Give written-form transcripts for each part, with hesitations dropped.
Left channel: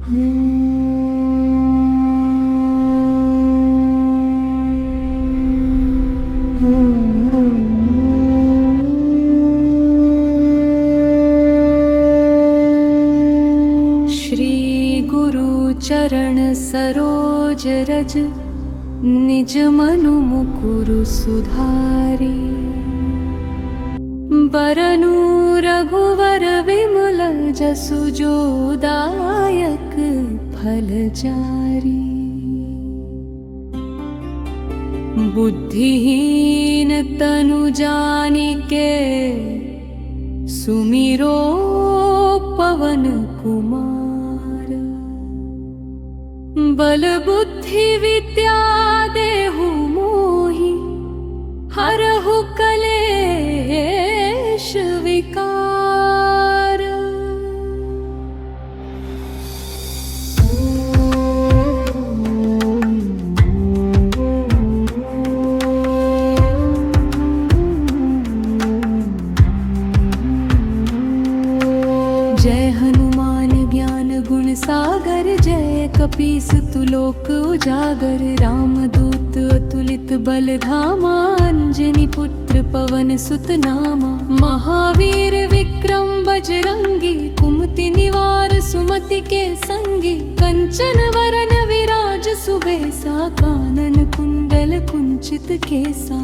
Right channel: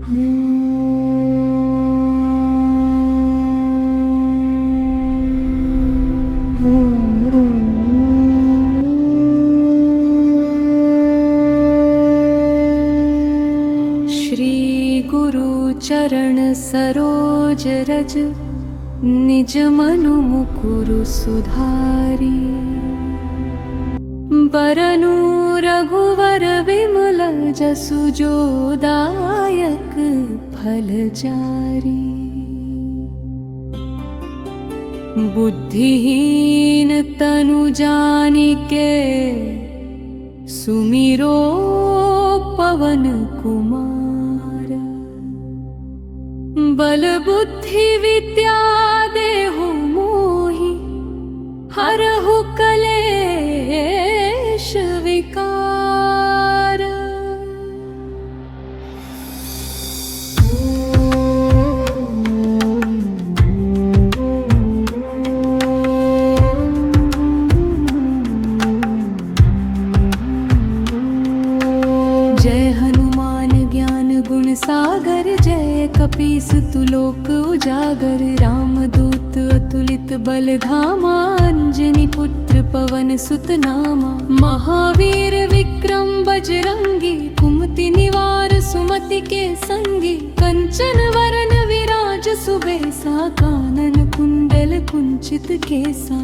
श्री गुरु चरण सरोज रज निज मनु मुकुरु सुधारी। बरनु रघुवर विमल जसु जो दायक फल जारी। बुद्धिहीन तनु जानिके सुमिरो पवन कुमार। बल बुद्धि विद्या देहु मोहि हरहु कलेश विकार। जय हनुमान ज्ञान गुण सागर, जय कपीस तुलोक उजागर। रामदूत अतुलित बल धामा, अंजनी पुत्र पवन सुत नामा। महावीर विक्रम बजरंगी, कुमति निवार सुमति के संगी। कंचन वरन विराज सुबेसा, कानन कुंडल कुंचित केसा।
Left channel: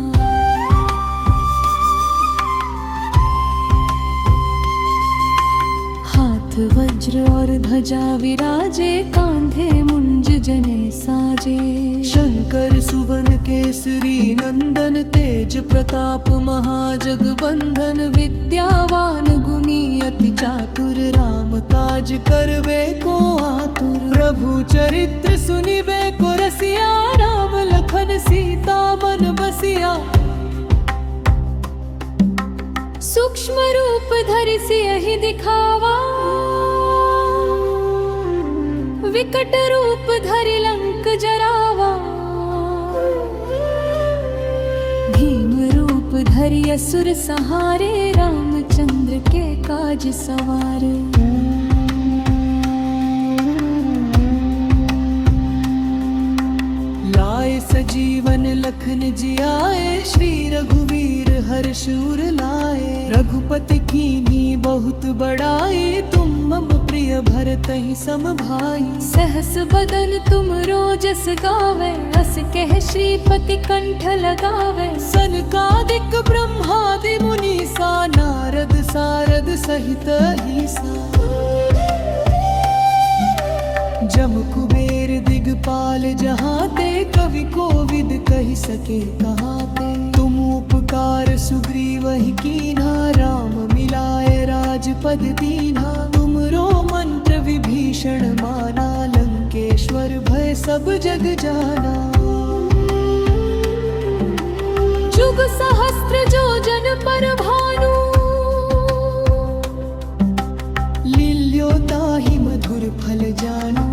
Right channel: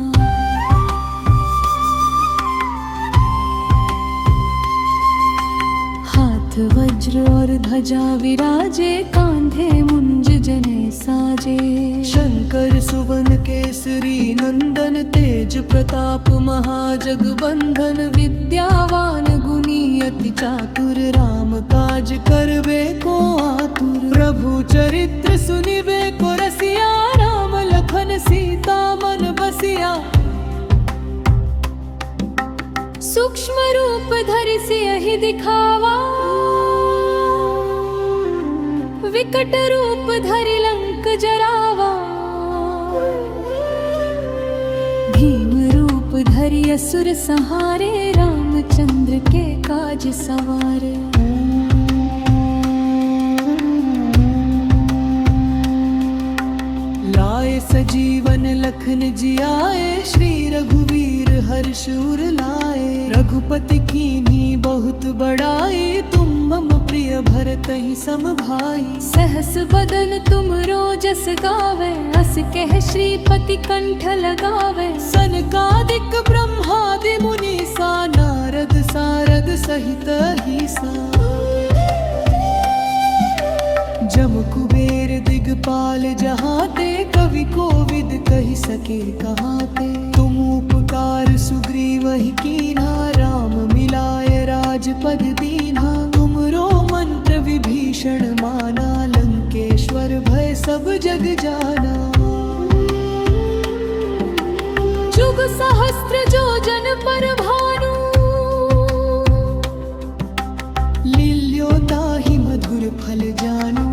वज्र और ध्वजा विराजे, कांधे मुंज जने साजे। शंकर सुवन केसरी नंदन, तेज प्रताप महाजगबंधन। विद्यावान गुणी अति चातुर, राम काज करबे को आतुर। प्रभु चरित्र सुनिबे को रसिया, राम लखन सीता मन बसिया। सूक्ष्म रूप धरि सियहि दिखावा, विकट रूप धरि लंक जरावा। भीम रूप धरि असुर संहारे, रामचंद्र के काज सवारे। लाए सजीवन लखन जियाए, श्री रघुवीर हर्षूर लाए। रघुपति कीन्ही बहुत बड़ाई, तुम मम प्रिय भरतहि सम भाई। सहस बदन तुम रोजस गावे, अस कह श्रीपति कंठ लगावे। सनकादिक ब्रह्मादि मुनीसा, नारद सारद सहित अहिसा। जम कुबेर दिगपाल जहाते, कवि कोविद कहि सके कहाते। तुम उपकार सुग्रीवहि कीन्हा, राम मिलाए राजपद दीन्हा। तुमरो मंत्र विभीषण माना, लंकेश्वर भय सब जग जाना। जुग सहस्त्र जो जन पर भानु, लील्यो ताहि मधुर फल जानू।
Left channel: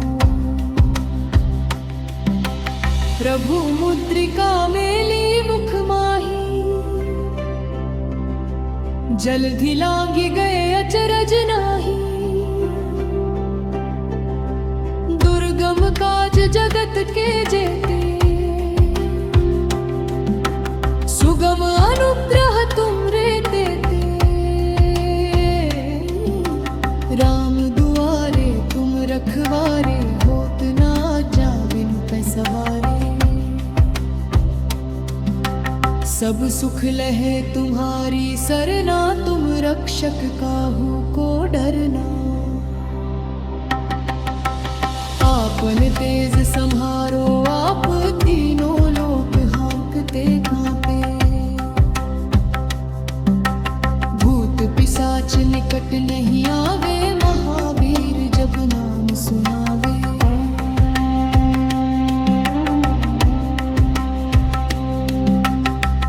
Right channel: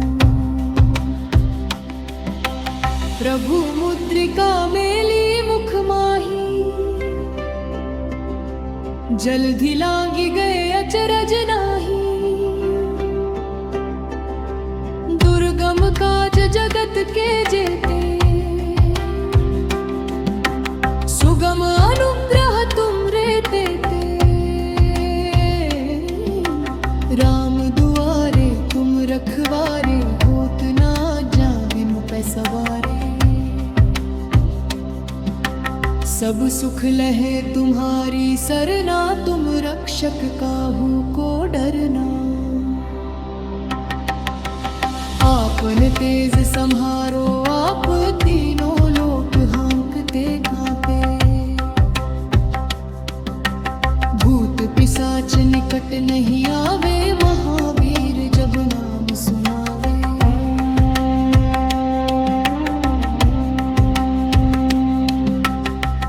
प्रभु मुद्रिका मेली मुख माही, जल्दी लांगी गए अचरज नाही। दुर्गम काज जगत के जेते, सुगम अनुग्रह तुम रे देते। राम दुआरे तुम रखवारे, होत ना जा बिनु पैसवारे। सब सुख लहे तुम्हारी सरना, तुम रक्षक काहू को डरना। आपन तेज सम्हारो आप, तीनों लोक हाँकते कांपे। भूत पिशाच निकट नहीं आवे, महावीर जब नाम सुनावे।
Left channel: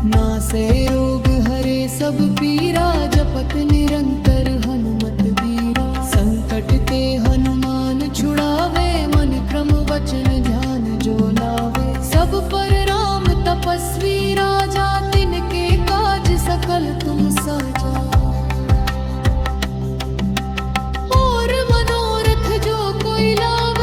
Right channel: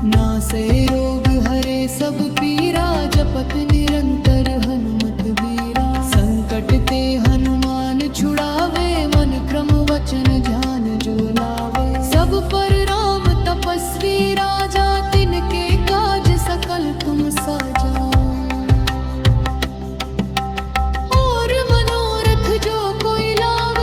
नासे रोग हरे सब पीरा, जपत निरंतर हनुमत बीरा। संकट ते हनुमान छुड़ावे, मन क्रम वचन ध्यान जो लावे। सब पर राम तपस्वी राजा, तिनके काज सकल तुम साजा। और मनोरथ जो कोई लावे,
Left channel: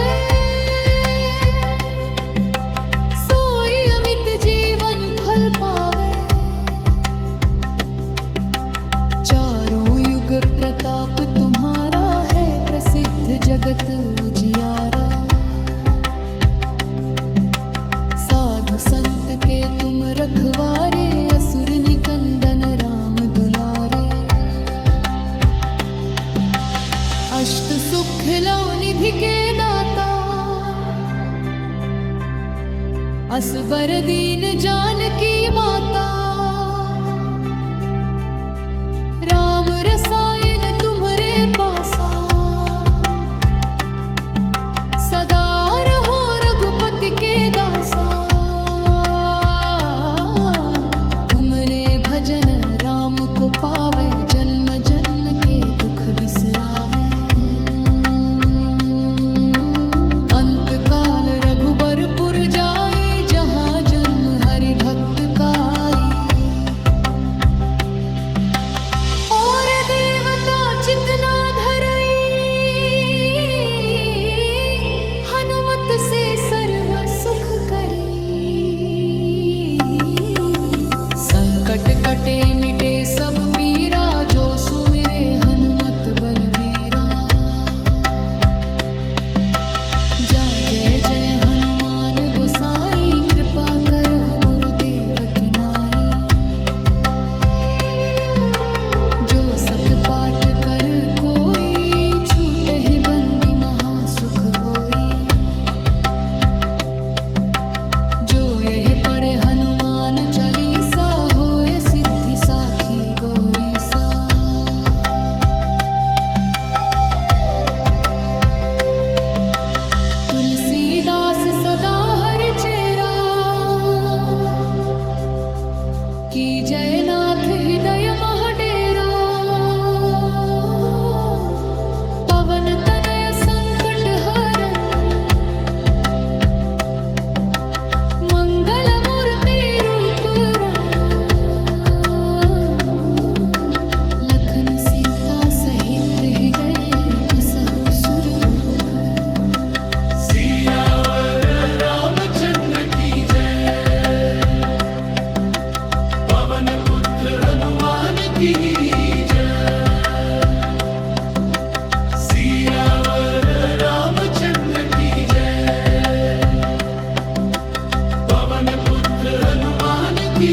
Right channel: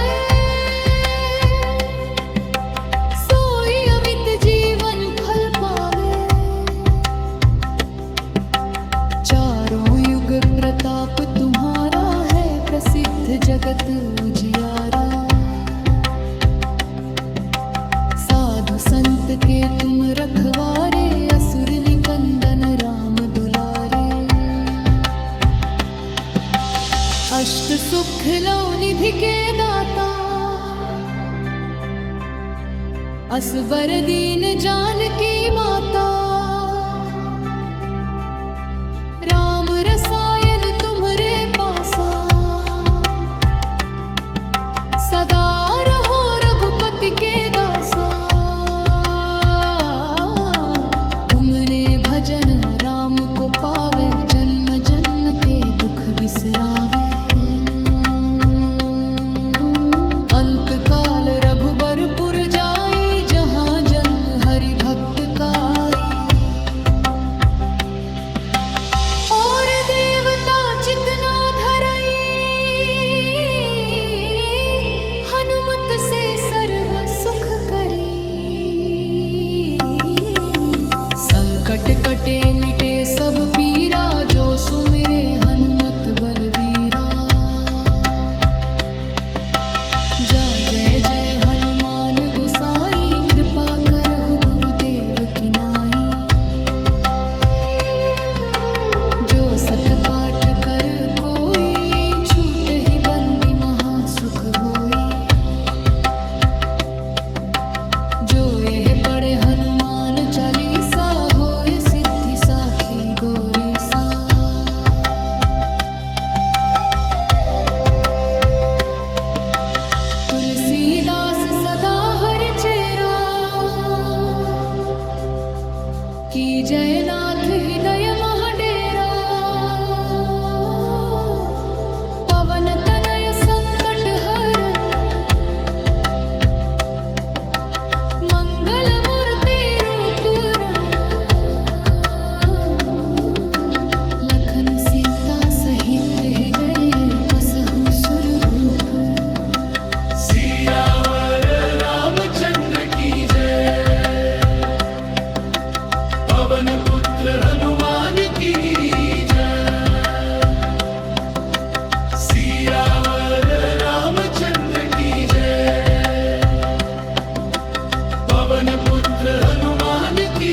तुम्हारा है प्रसिद्ध जगत उजियारा। साधु संत के तुम रखवारे, असुर निकंदन राम दुलारे। अष्ट सुख लो निधि के दाता, असबर दीन जानकी माता। राम रसायन तुम्हरे पासा, सदा रहो रघुपति के दासा। तुमने भजन राम को पावे, जन्म जन्म के दुख बिसरावे। अंत काल रघुबरपुर जाई, जहाँ जन्म हरि भक्त काई। और देवता चितना धरई, हनुमत से सर्व सुख करी। संकट कटे मिटे सब पीरा, जो सुमिरे हनुमत बलबीरा। जा जय जय हनुमान गोसाई, कृपा करहु गुरुदेव की नाई। जो सत पाठ कर कोई, छूट ही बंदी महासुख होई। जो यह पढ़े हनुमान चालीसा, होए सिद्धि साखी गौरी सा। तुलसीदास सदा हरि चेरा, की जयनाथ हृदय महडेरा। पवन तनय संकट हरन, मंगल मूर्ति रूप रंग। लखन सीता सहित हृदय, बसहु सुरभूप। सियावर रामचंद्र की जय, पवन पुत्र हनुमान की जय। सियावर रामचंद्र की जय, पवन पुत्र हनुमान की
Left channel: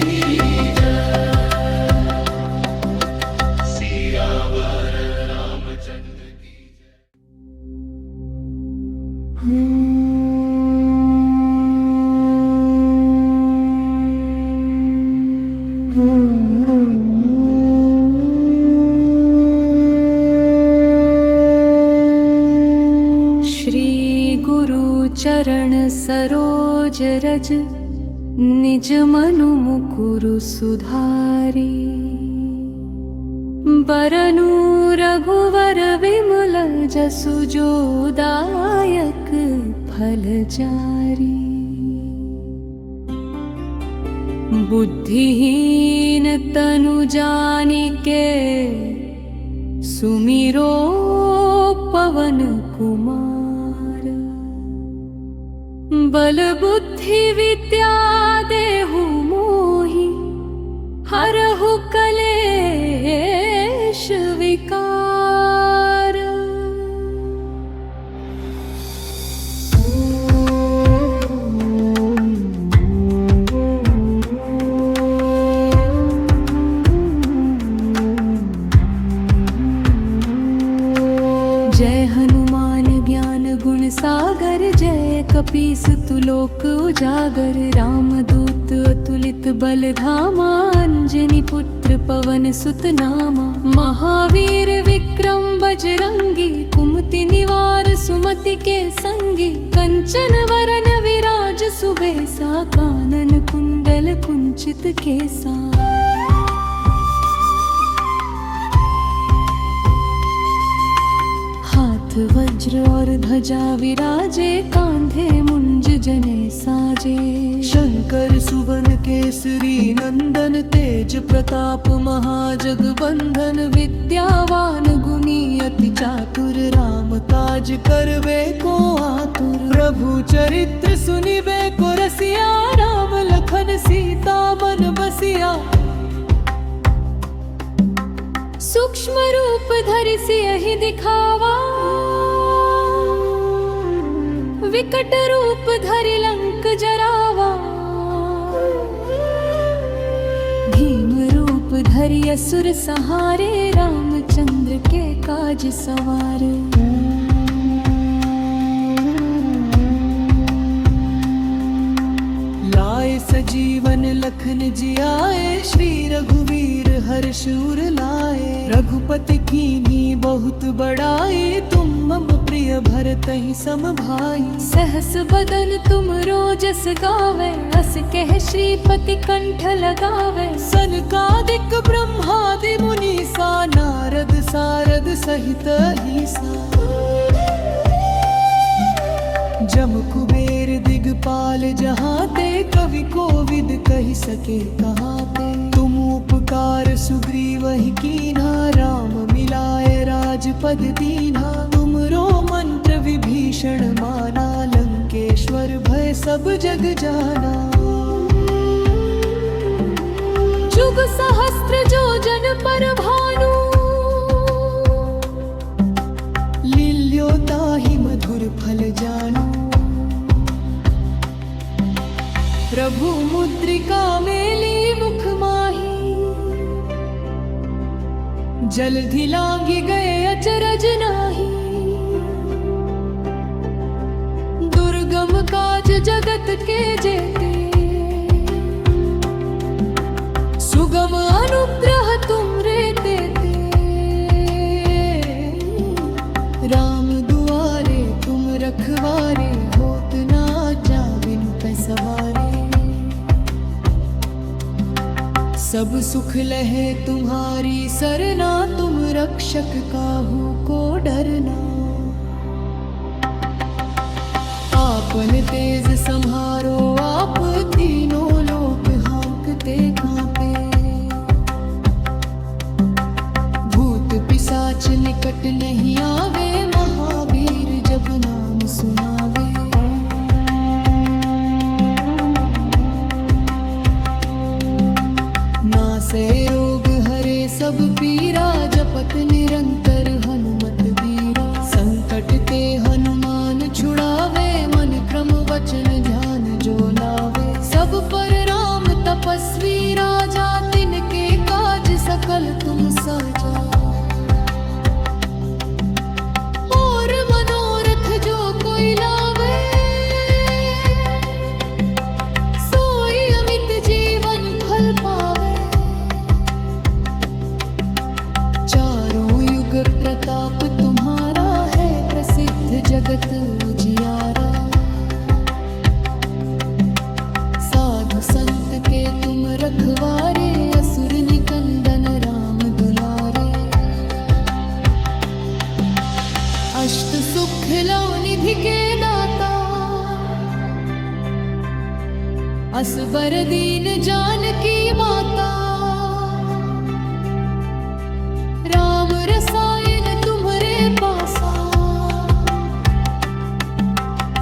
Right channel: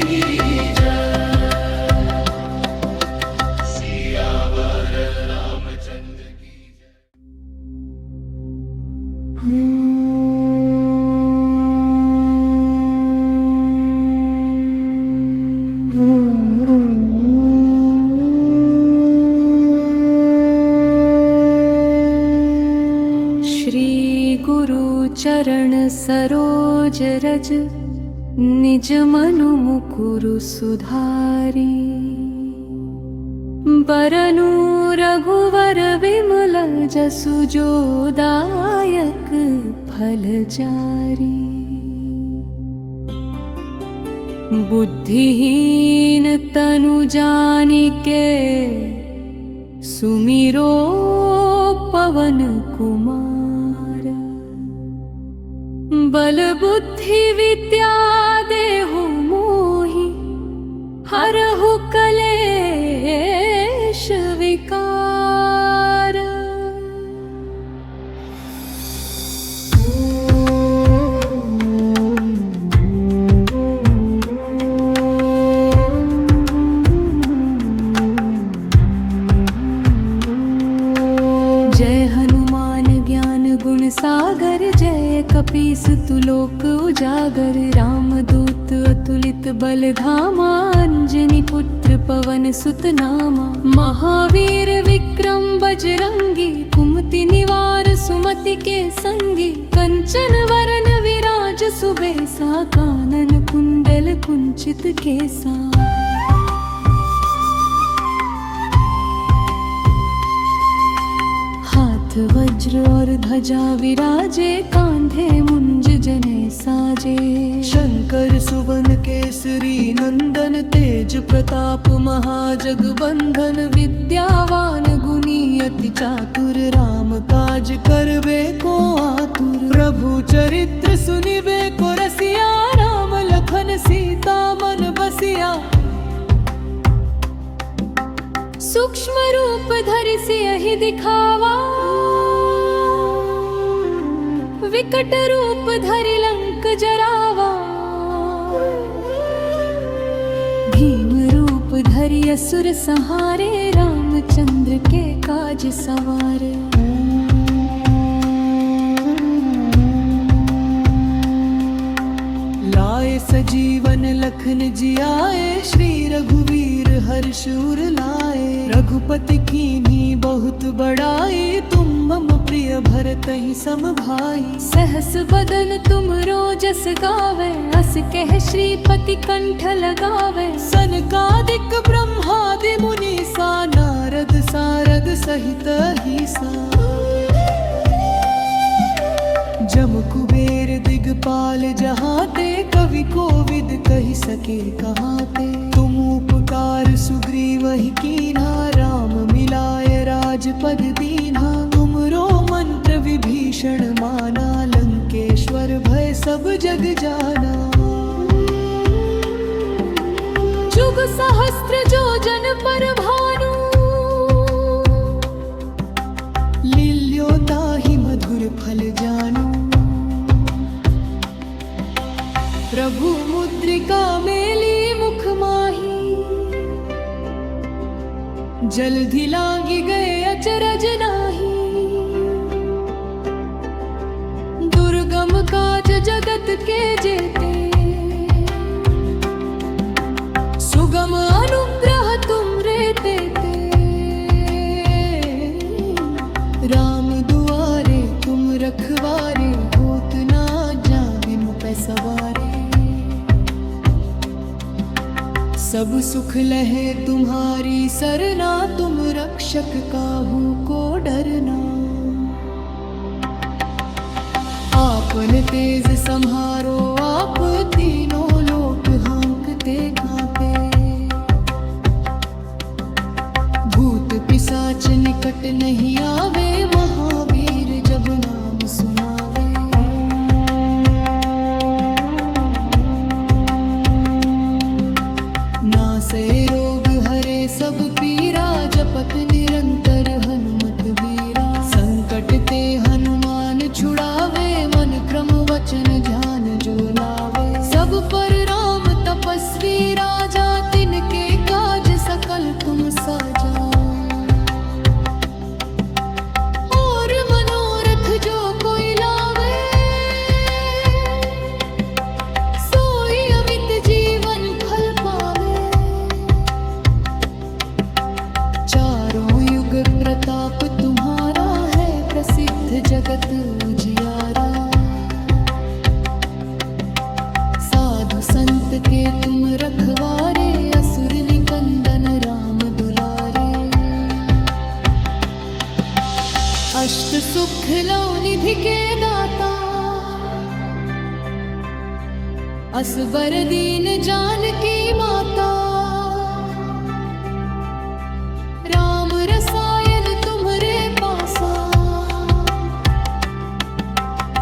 जय। सियावर रामचंद्र की जय। श्री गुरु चरण सरोज रज, निज मनु मुकुरु सुधारी। बरनु रघुवर विमल जसु, जो दायक फल चारी। बुद्धिहीन तनु जानिके, सुमिरो पवन कुमार। बल बुद्धि विद्या देहु मोहि, हरहु कलेश विकार। जय हनुमान ज्ञान गुण सागर, जय कपीस तुलोक उजागर। रामदूत अतुलित बल धामा, अंजनी पुत्र पवन सुत नामा। महावीर विक्रम बजरंगी, कुमति निवार सुमति के संगी। कंचन वरन विराज सुबेसा, कानन कुंडल कुंचित केसा। हाथ वज्र और ध्वजा विराजे, कांधे मुंज जने साजे। शंकर सुवन केसरी नंदन, तेज प्रताप महाजगबंधन। विद्यावान गुणी अति चातुर, राम काज करबे को आतुर। प्रभु चरित्र सुनिबे को रसिया, राम लखन सीता मन बसिया। सूक्ष्म रूप धरि सियहि दिखावा, विकट रूप धरि लंक जरावा। भीम रूप धरि असुर सहारे, रामचंद्र के काज सवारे। लाए सजीवन लखन जियाए, श्री रघुवीर हर्ष उर लाए। रघुपति कीन्ही बहुत बड़ाई, तुम मम प्रिय भरतहि सम भाई। सहस बदन तुम रोजस गावे, अस कह श्रीपति कंठ लगावे। सनकादिक ब्रह्मादि मुनीसा, नारद सारद सहित अहिसा। जम कुबेर दिगपाल जहाते, कवि कोविद कहि सके कहाते। तुम उपकार सुग्रीवहि कीन्हा, राम मिलाए राजपद दीन्हा। तुमरो मंत्र विभीषण माना, लंकेश्वर भय सब जग जाना। जुग सहस्त्र जो जन पर भानु, लील्यो ताहि मधुर फल जानू। प्रभु मुद्रिका मेली मुख माही, जलधि लांघि गए अचरज नाही। दुर्गम काज जगत के जेते, सुगम अनुग्रह तुम रे तेते। राम दुआरे तुम रखवारे, होत ना जा बिनु पैसवारे। सब सुख लहे तुम्हारी सरना, तुम रक्षक काहू को डरना। आपन तेज सम्हारो आप, तीनों लोक हाँकते कांपे। भूत पिशाच निकट नहीं आवे, महावीर जब नाम सुनावे। नासे रोग हरे सब पीरा, जपत निरंतर हनुमत बीरा। संकट ते हनुमान छुड़ावे, मन क्रम वचन ध्यान जो लावे। सब पर राम तपस्वी राजा, तिनके काज सकल तुम साजा। और मनोरथ जो कोई लावे, सोई अमित जीवन फल पावे। चारों युग प्रताप तुम्हारा है, प्रसिद्ध जगत उजियारा। साधु संत के तुम रखवारे, असुर निकंदन राम दुलारे। अष्ट सुख लो निधि के दाता, असबर दीन जानकी माता। राम रसायन तुम्हरे पासा,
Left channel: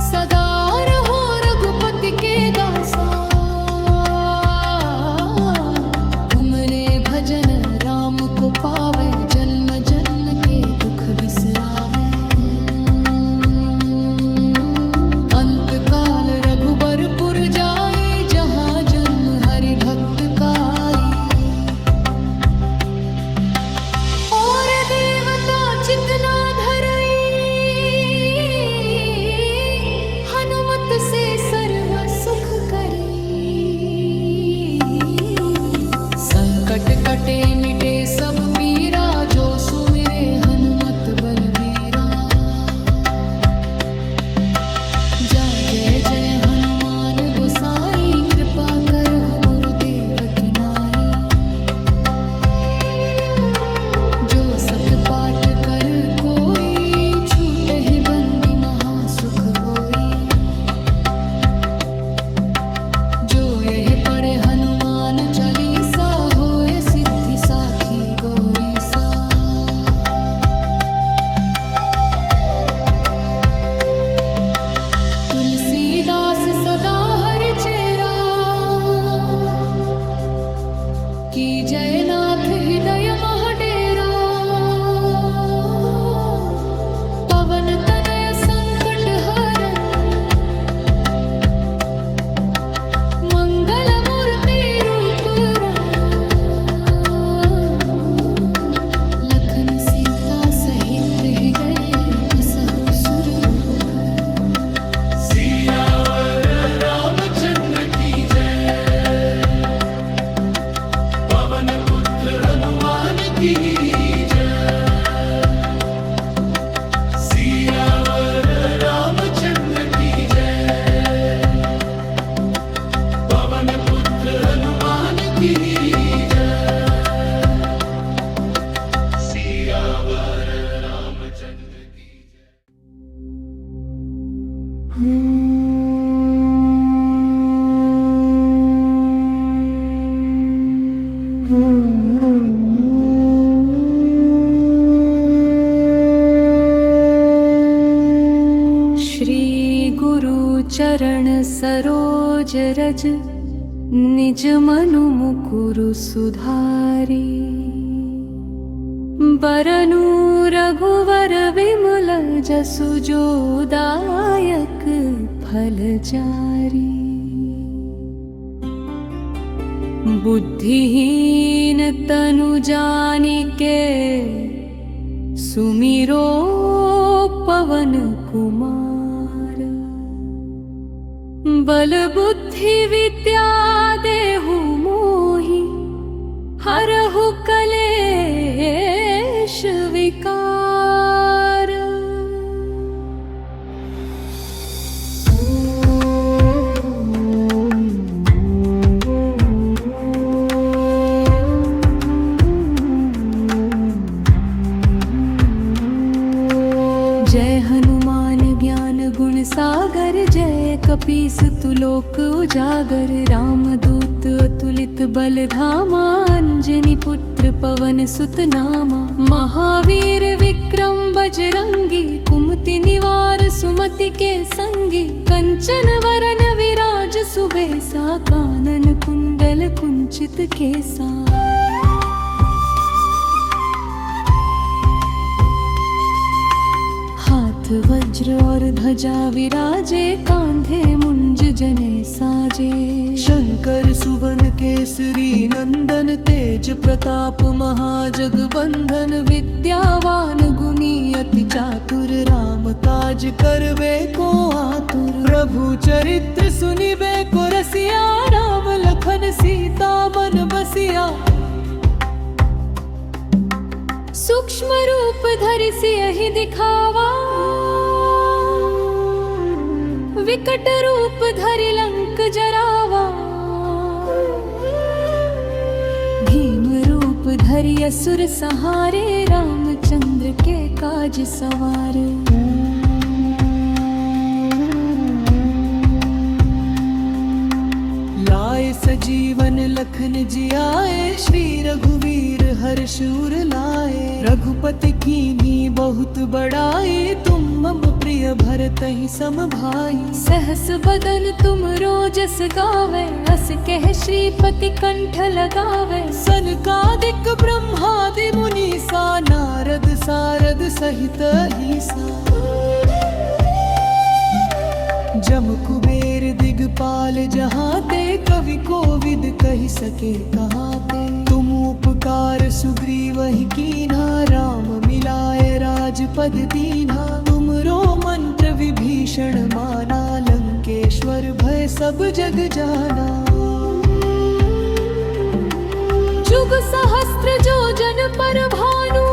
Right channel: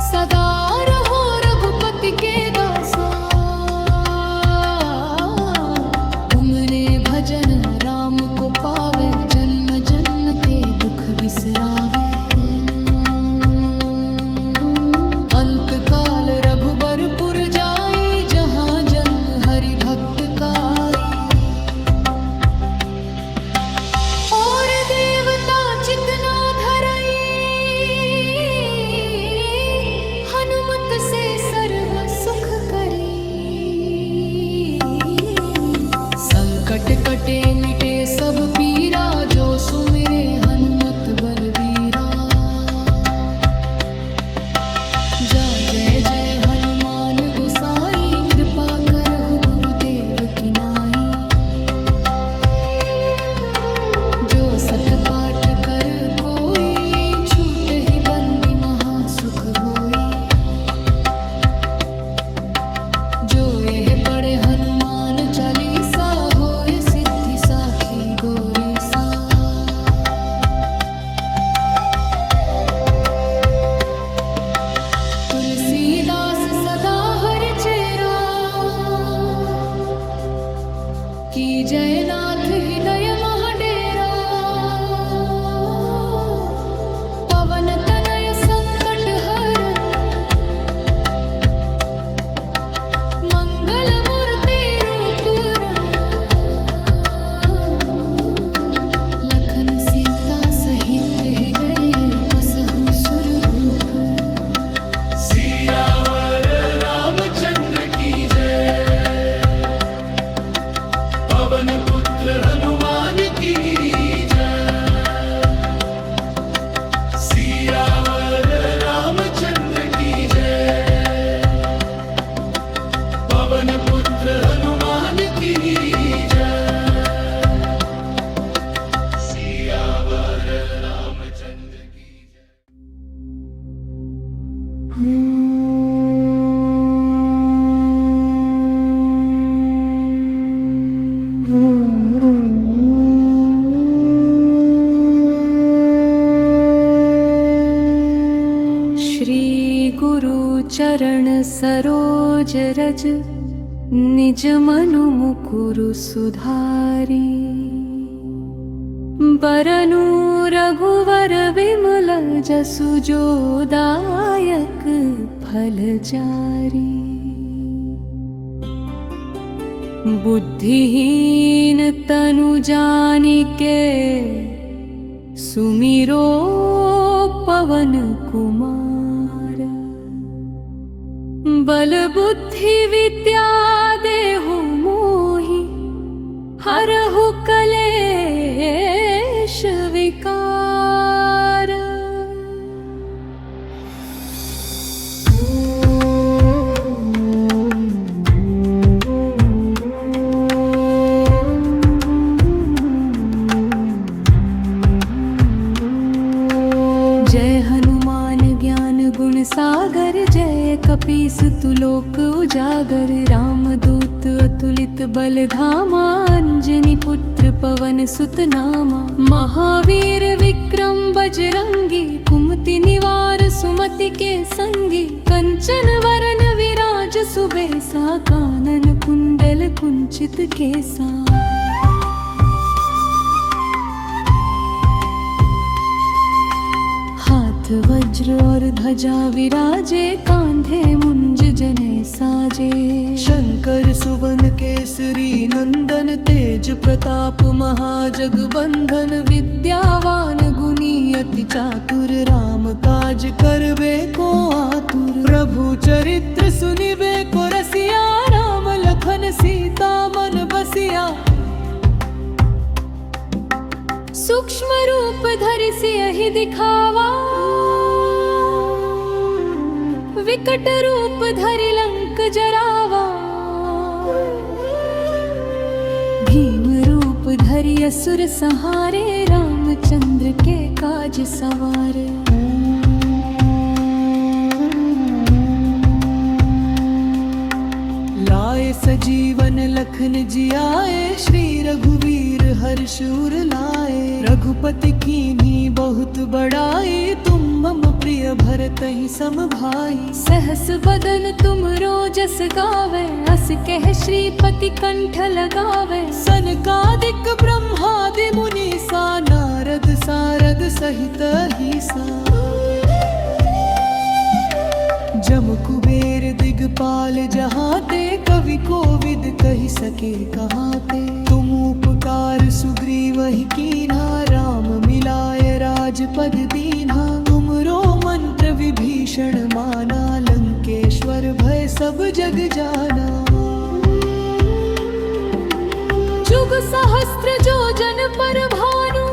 सदा रहो रघुपति के दासा। तुमने भजन राम को पावे, जन्म जन्म के दुख बिसरावे। अंत काल रघुबरपुर जाई, जहाँ जन्म हरि भक्त काई। और देवता चितना धरई, हनुमत से सर्व सुख करी। संकट कटे मिटे सब पीरा, जो सुमिरे हनुमत बलबीरा। जा जय जय हनुमान गोसाई, कृपा करहु गुरुदेव की नाई। जो सत पाठ कर कोई, छूट ही बंदी महासुख होई। जो यह पढ़े हनुमान चालीसा, होए सिद्धि साखी गौरी सा। तुलसीदास सदा हरि चेरा, की जय नाथ हृदय महडेरा पवन तनय संकट हरन मंगल मूर्ति रूप रंग लखन सीता सहित हृदय बसहु सुरभूप सियावर रामचंद्र की जय पवन पुत्र हनुमान की जय सियावर रामचंद्र की जय पवन पुत्र हनुमान की जय सियावर रामचंद्र की जय श्री गुरु चरण सरोज रज निज मनु मुकुरु सुधारी बरनु रघुवर विमल जसु जो दायक फल चारी बुद्धिहीन तनु जानिके सुमिरो पवन कुमार बल बुद्धि विद्या देहु मोहि हरहु कलेश विकार जय हनुमान ज्ञान गुण सागर जय कपीस तुलोक उजागर रामदूत अतुलित बल धामा अंजनी पुत्र पवन सुत नामा महावीर विक्रम बजरंगी कुमति निवार सुमति के संगी कंचन वरन विराज सुबेसा कानन कुंडल कुंचित केसा हाथ वज्र और ध्वजा विराजे कांधे मुंज जने साजे शंकर सुवन केसरी नंदन तेज प्रताप महाजगबंधन विद्यावान गुणी अति चातुर राम काज करबे को आतुर प्रभु चरित्र सुनिबे को रसिया राम लखन सीता मन बसिया सूक्ष्म रूप धरि सियहि दिखावा विकट रूप धरि लंक जरावा भीम रूप धरि असुर संहारे रामचंद्र के काज सवार लाए सजीवन लखन जियाए श्री रघुवीर हर्षूर लाए रघुपति कीन्ही बहुत बड़ाई तुम मम प्रिय भरतहि सम भाई सहस बदन तुम रोजस गावे अस कह श्रीपति कंठ लगावे सनकादिक ब्रह्मादि मुनीसा नारद सारद सहित ईसा जम कुबेर दिगपाल जहाते कवि कोविद कहि सके कहाते तुम उपकार सुग्रीवहि कीन्हा राम मिलाए राजपद दीन्हा तुमरो मंत्र विभीषण माना लंकेश्वर भय सब जग जाना जुग सहस्त्र जोजन पर भानु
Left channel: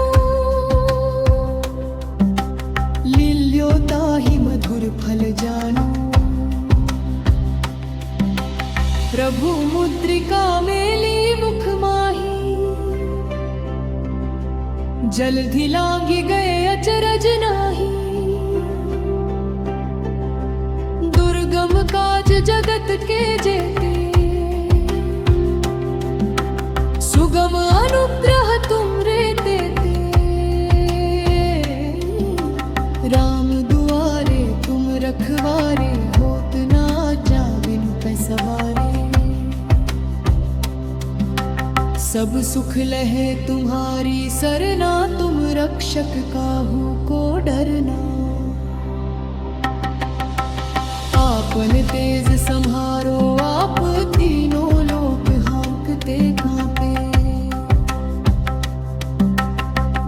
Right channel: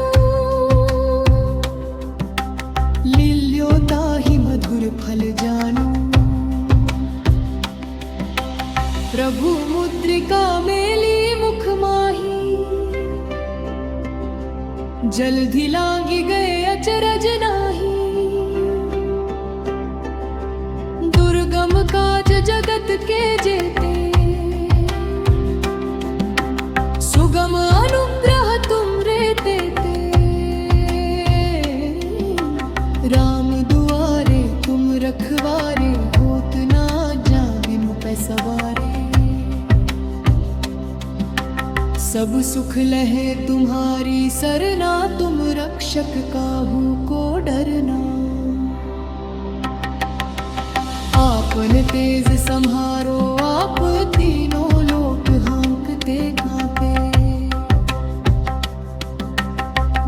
लील्यो ताहि मधुर फल जानु प्रभु मुद्रिका मेली मुख माही जल्दी लांगी गए अचरज नाही दुर्गम काज जगत के जेते सुगम अनुग्रह तुम रे देते राम दुआरे तुम रखवारे होत ना जा बिनु पैसवारे सब सुख लहे तुम्हारी सरना, तुम रक्षक काहू को डरना। आपन तेज संहारो आप, तीनों लोक हाँकते कांपे।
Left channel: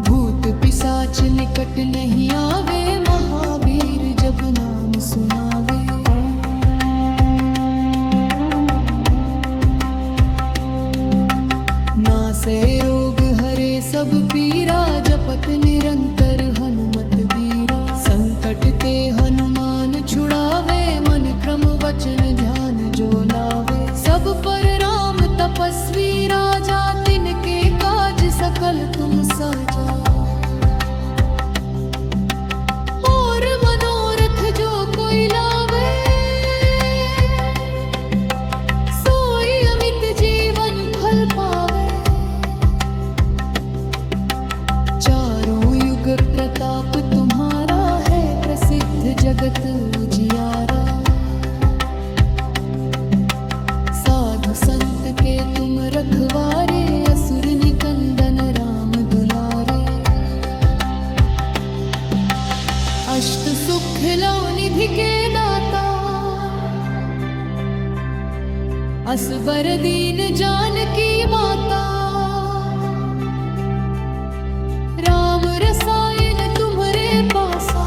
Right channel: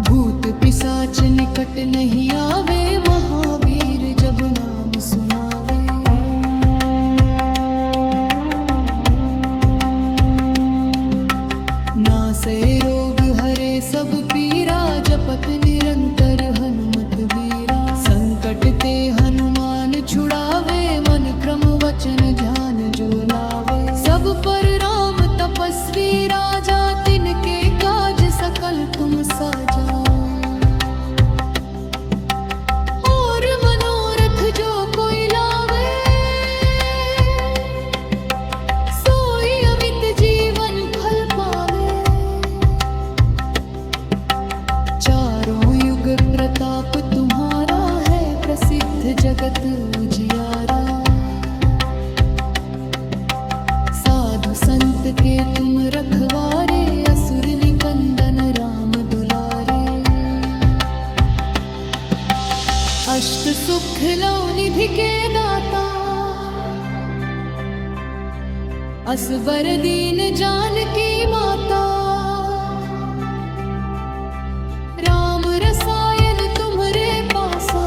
भूत पिशाच निकट नहीं आवे, महावीर जब नाम सुनावे। नासे रोग हरे सब पीरा, जपत निरंतर हनुमत बीरा। संकट ते हनुमान छुड़ावे, मन क्रम वचन ध्यान जो लावे। सब पर राम तपस्वी राजा, तिनके काज सकल तुम साजा। और मनोरथ जो कोई लावे, सोई अमित जीवन फल पावे। चारों युग प्रताप तुम्हारा है, प्रसिद्ध जगत उजियारा। साधु संत के तुम रखवारे, असुर निकंदन राम दुलारे। अष्ट सुख लो निधि के दाता, असबर दीन जानकी माता। राम रसायन तुम्हरे पासा,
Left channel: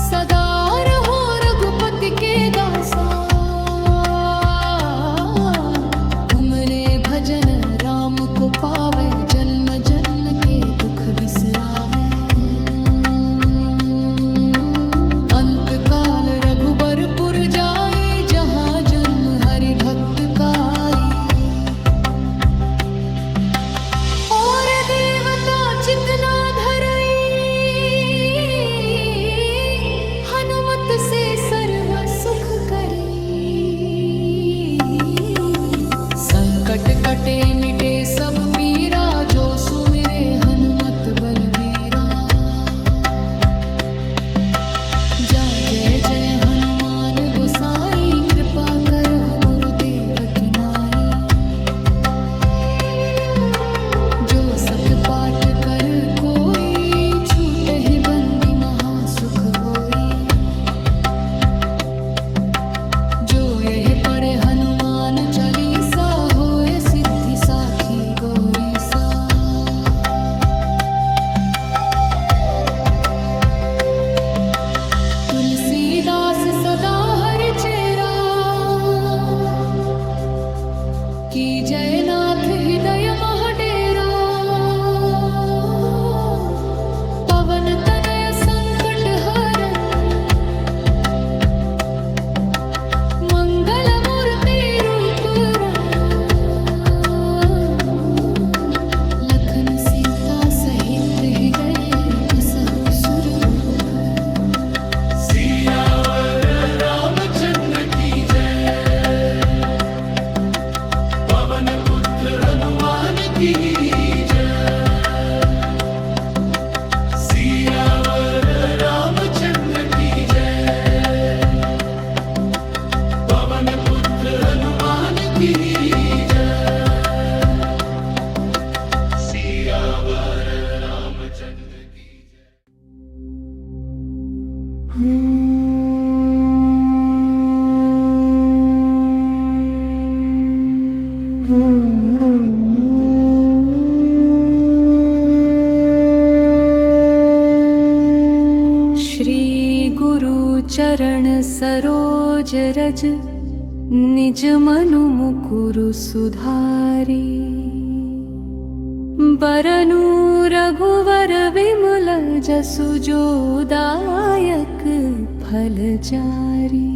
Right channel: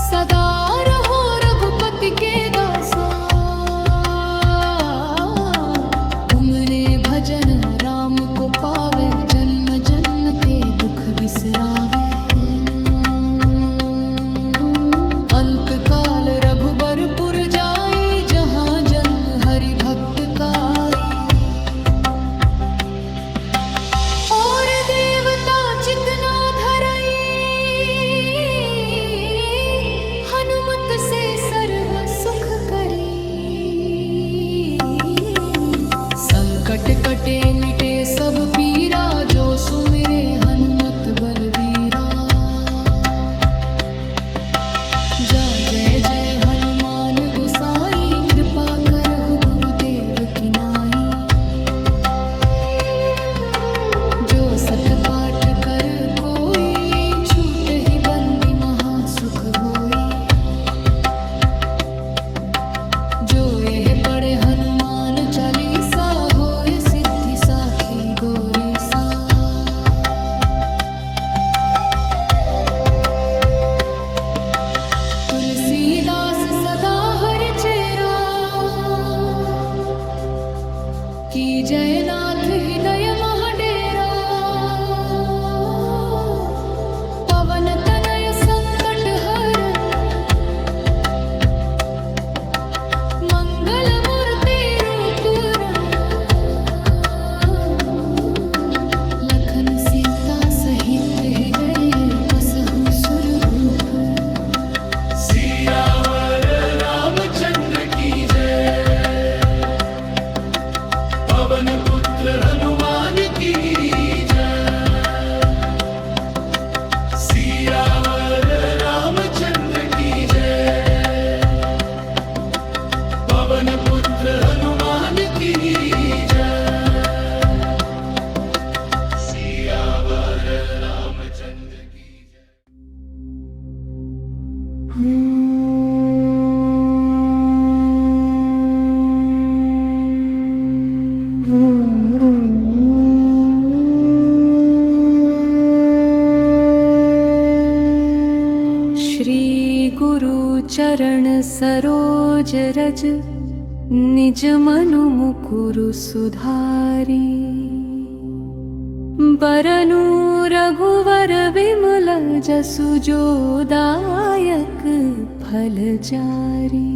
सदा रहो रघुपति के दासा। तुमने भजन राम को पावे, जन्म जन्म के दुख बिसरावे। अंत काल रघुबरपुर जाई, जहाँ जन्म हरि भक्त काई। और देवता चितना धरई, हनुमत से सर्व सुख करी। संकट कटे मिटे सब पीरा, जो सुमिरे हनुमत बलवीरा। जा जय जय हनुमान गोसाई, कृपा करहु गुरुदेव की नाई। जो सत पाठ कर कोई, छूट ही बंदी महासुख होई। जो यह पढ़े हनुमान चालीसा, होए सिद्धि साखी गौरी सा। तुलसीदास सदा हरि चेरा, की जयनाथ हृदय महडेरा। पवन तनय संकट हरन, मंगल मूर्ति रूप रंग। लखन सीता सहित हृदय, बसहु सुरभूप। सियावर रामचंद्र की जय, पवन पुत्र हनुमान की जय। सियावर रामचंद्र की जय, पवन पुत्र हनुमान की जय। सियावर रामचंद्र की जय। श्री गुरु चरण सरोज रज, निज मनु मुकुरु सुधारी। बरनु रघुवर विमल जसु, जो दायक फल चारी।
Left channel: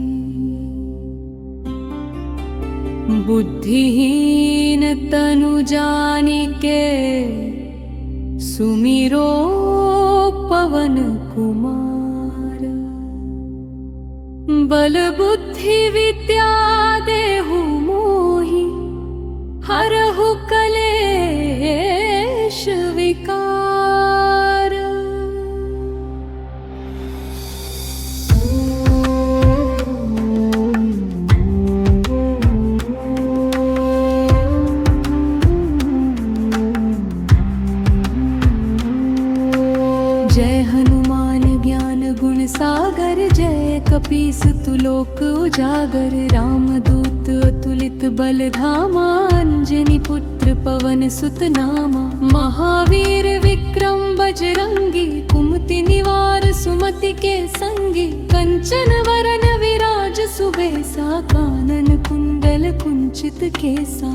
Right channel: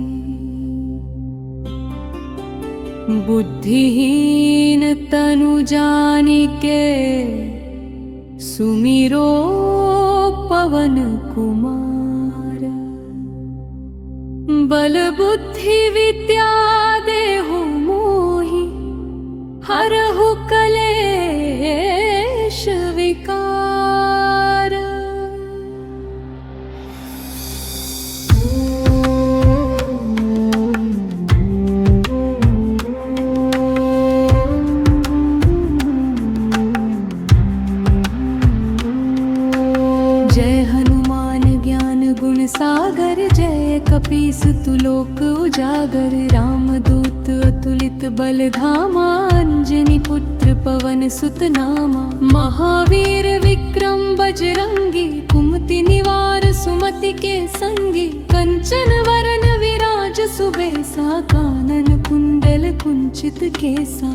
बुद्धिहीन तनु जानिके, सुमिरो पवन कुमार। बल बुद्धि विद्या देहु मोहि, हरहु कलेश विकार। जय हनुमान ज्ञान गुण सागर, जय कपीस तुलोक उजागर। रामदूत अतुलित बल धामा, अंजनी पुत्र पवन सुत नामा। महावीर विक्रम बजरंगी, कुमति निवार सुमति के संगी। कंचन वरन विराज सुबेसा, कानन कुंडल कुंचित केसा।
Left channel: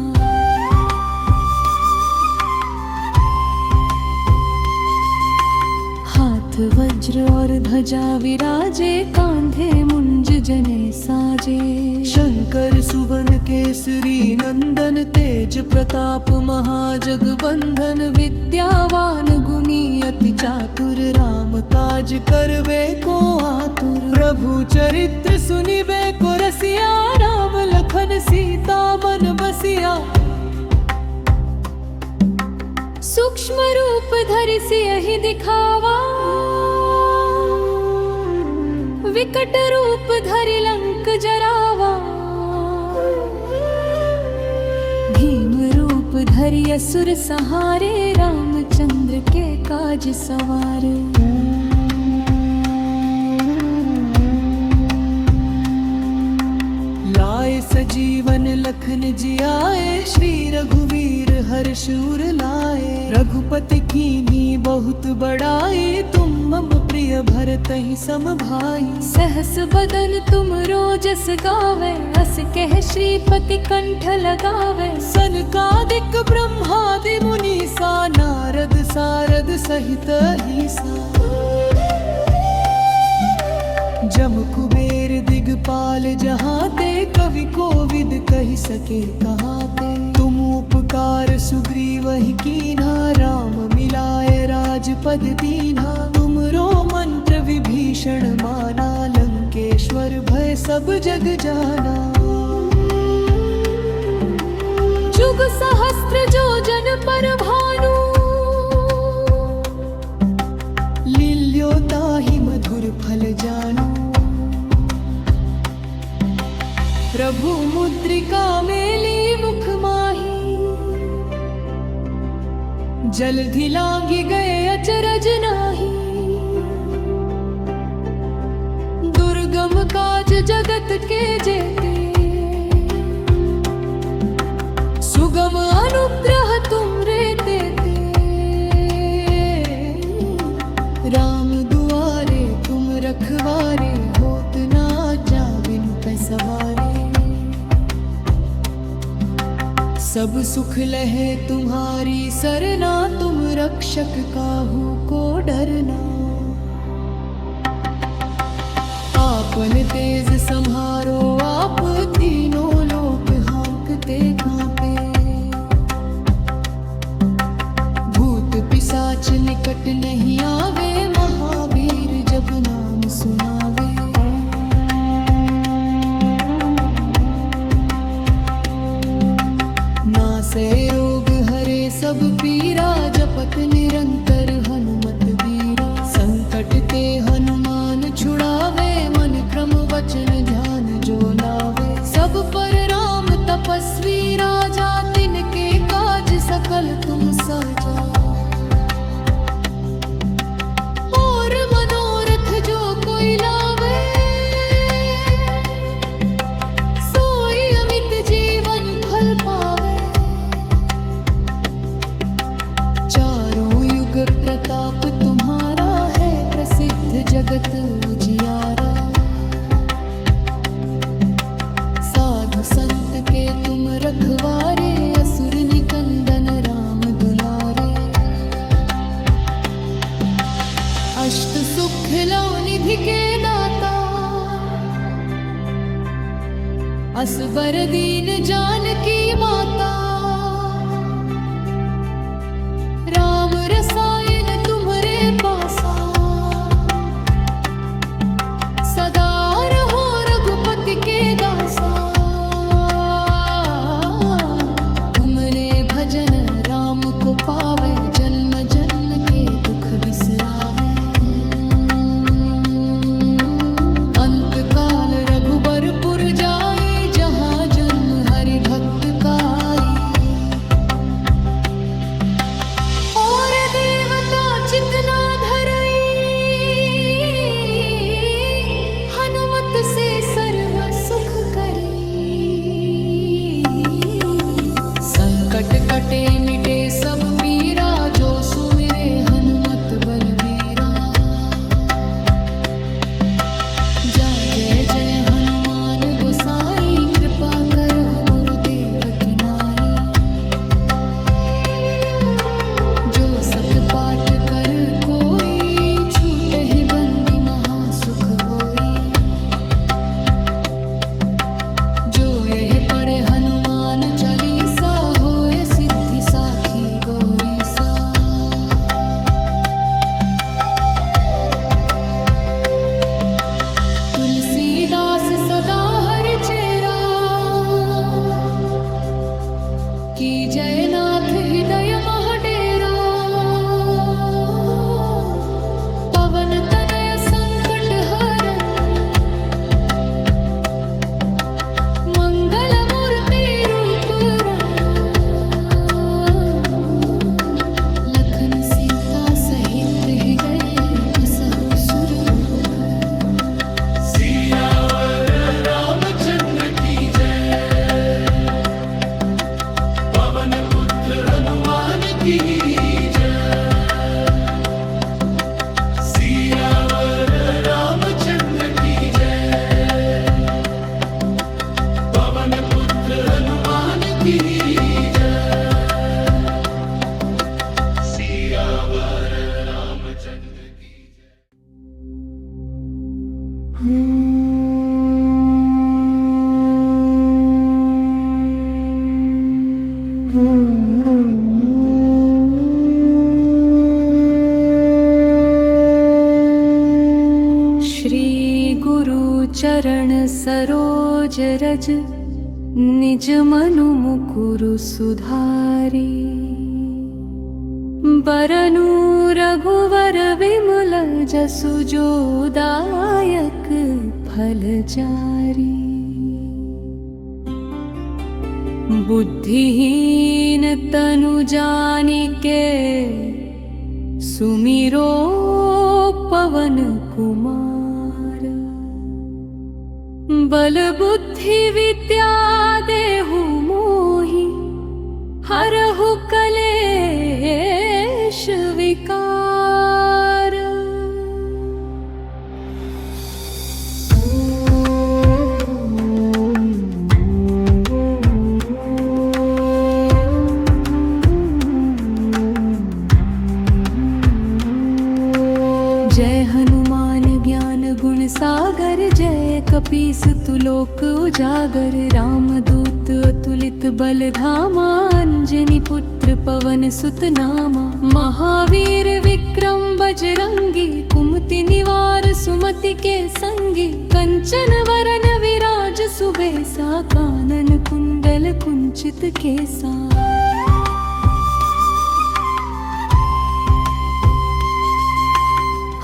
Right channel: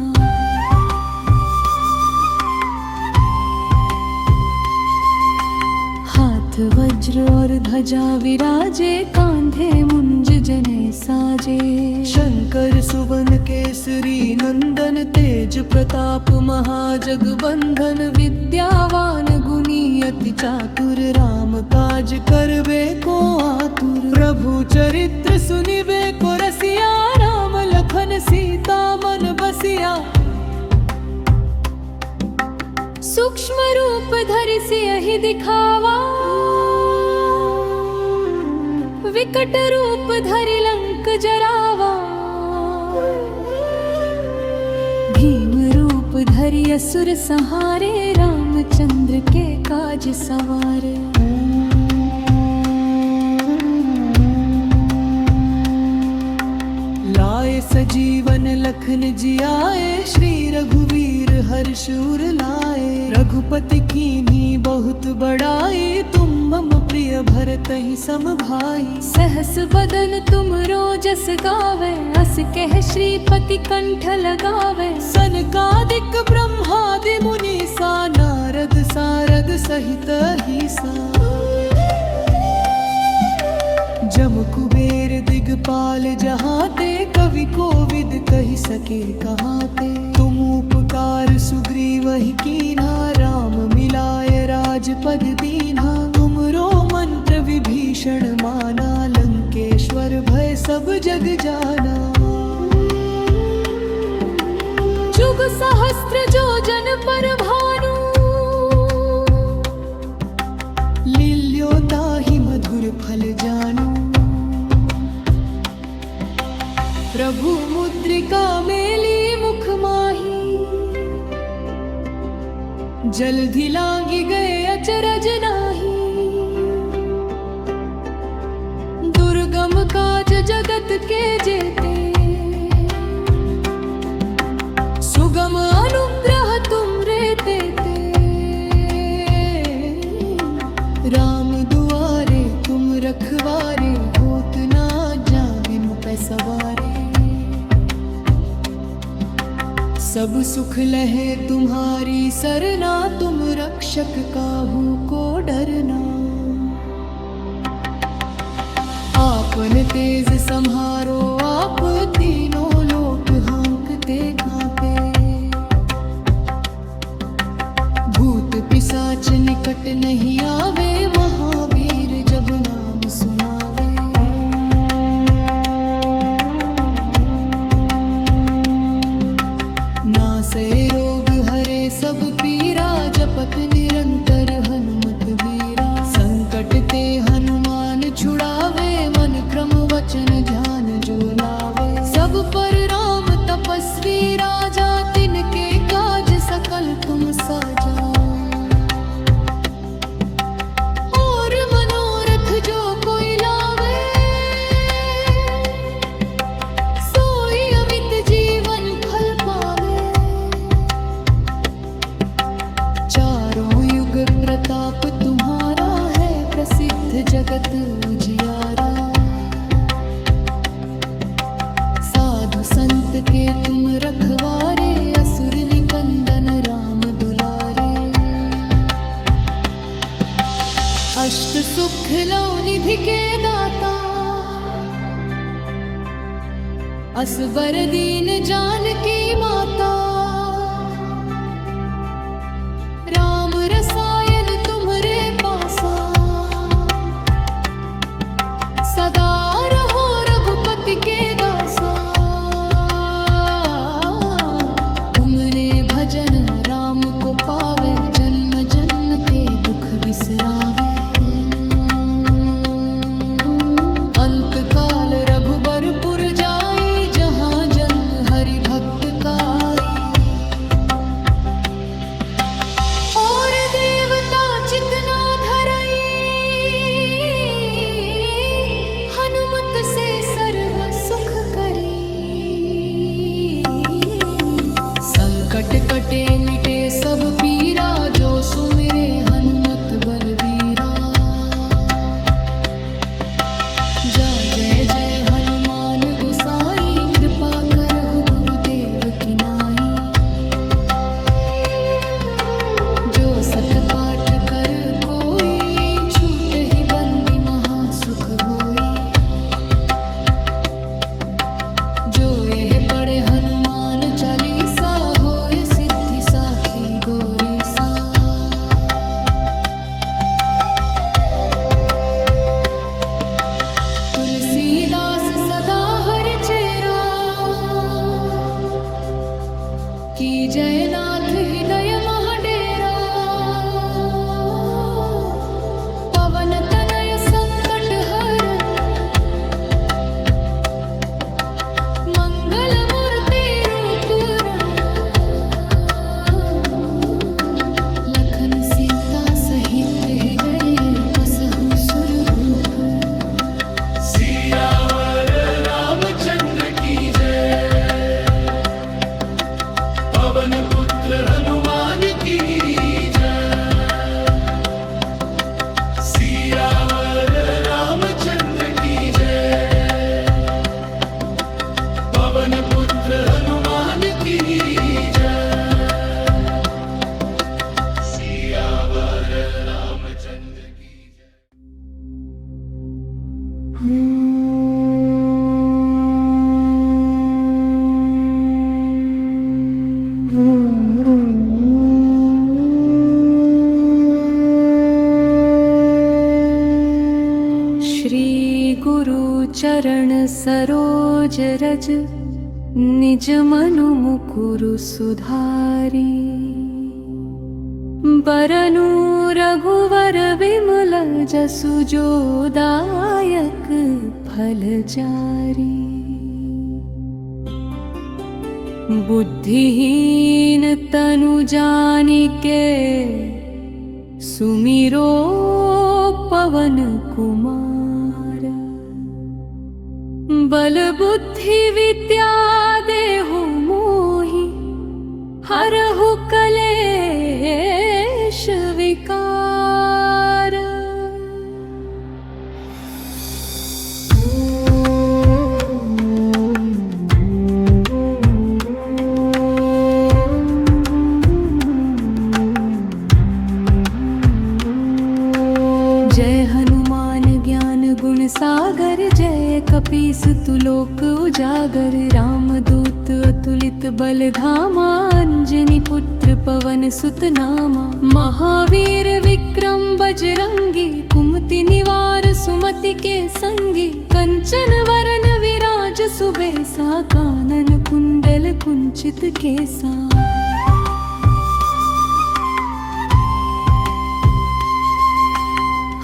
वज्र और ध्वजा विराजे, कांधे मुंज जने साजे। शंकर सुवन केसरी नंदन, तेज प्रताप महाजगबंधन। विद्यावान गुणी अति चातुर, राम काज करबे को आतुर। प्रभु चरित्र सुनिबे को रसिया, राम लखन सीता मन बसिया। सूक्ष्म रूप धरि सियहि दिखावा, विकट रूप धरि लंक जरावा। भीम रूप धरि असुर संहारे, रामचंद्र के काज सवारे। लाए सजीवन लखन जियाए, श्री रघुवीर हर्ष उर लाए। रघुपति कीन्ही बहुत बड़ाई, तुम मम प्रिय भरतहि सम भाई। सहस बदन तुम रोजस गावे, अस कह श्रीपति कंठ लगावे। सनकादिक ब्रह्मादि मुनीसा, नारद सारद सहित अहिसा। जम कुबेर दिगपाल जहाते, कवि कोविद कहि सके कहाते। तुम उपकार सुग्रीवहि कीन्हा, राम मिलाए राजपद दीन्हा। तुमरो मंत्र विभीषण माना, लंकेश्वर भय सब जग जाना। जुग सहस्त्र जो जन पर भानु, लील्यो ताहि मधुर फल जानू। प्रभु मुद्रिका मेली मुख माही, जल्दी लांगी गए अचरज नाही। दुर्गम काज जगत के जेते, सुगम अनुग्रह तुम रे देते। राम दुआरे तुम रखवारे, होत ना जा बिनु पैसवारे। सब सुख लहे तुम्हारी सरना, तुम रक्षक काहू को डरना। आपन तेज सम्हारो आप, तीनों लोक हाँकते कांपे। भूत पिशाच निकट नहीं आवे, महावीर जब नाम सुनावे। नासे रोग हरे सब पीरा, जपत निरंतर हनुमत बीरा। संकट ते हनुमान छुड़ावे, मन क्रम वचन ध्यान जो लावे। सब पर राम तपस्वी राजा, तिनके काज सकल तुम साजा। और मनोरथ जो कोई लावे, सोई अमित जीवन फल पावे। चारों युग प्रताप तुम्हारा है, प्रसिद्ध जगत उजियारा। साधु संत के तुम रखवारे, असुर निकंदन राम दुलारे। अष्ट सुख लो निधि के दाता, असबर दीन जानकी माता। राम रसायन तुम्हरे पासा, सदा रहो रघुपति के दासा। तुमने भजन राम को पावे, जन्म जन्म के दुख बिसरावे। अंत काल रघुबरपुर जाई, जहाँ जन्म हरि भक्त काई। और देवता चितना धरई, भक्त से सर्व सुख करी। संकट कटे मिटे सब पीरा, जो सुमिरे हनुमत बलबीरा। जा जय जय हनुमान गोसाई, कृपा करहु गुरुदेव की नाई। जो सत पाठ कर कोई, छूट ही बंदी महासुख होई। जो यह पढ़े हनुमान चालीसा, होए सिद्धि साखी गौरी सा। तुलसीदास सदा हरि चेरा, की जयनाथ हृदय महडेरा। पवन तनय संकट हरन, मंगल मूर्ति रूप रंग। लखन सीता सहित हृदय, बसहु सुरभूप। सियावर रामचंद्र की जय। पवन पुत्र हनुमान की जय। सियावर रामचंद्र की जय। पवन पुत्र हनुमान की जय। सियावर रामचंद्र की जय। श्री गुरु चरण सरोज रज, निज मनु मुकुरु सुधारी। बरनु रघुवर विमल जसु, जो दायक फल चारी। बुद्धिहीन तनु जानिके, सुमिरो पवन कुमार। बल बुद्धि विद्या देहु मोहि, हरहु कलेश विकार। जय हनुमान ज्ञान गुण सागर, जय कपीस तुलोक उजागर। रामदूत अतुलित बल धामा, अंजनी पुत्र पवन सुत नामा। महावीर विक्रम बजरंगी, कुमति निवार सुमति के संगी। कंचन वरन विराज सुबेसा, कानन कुंडल कुंचित केसा।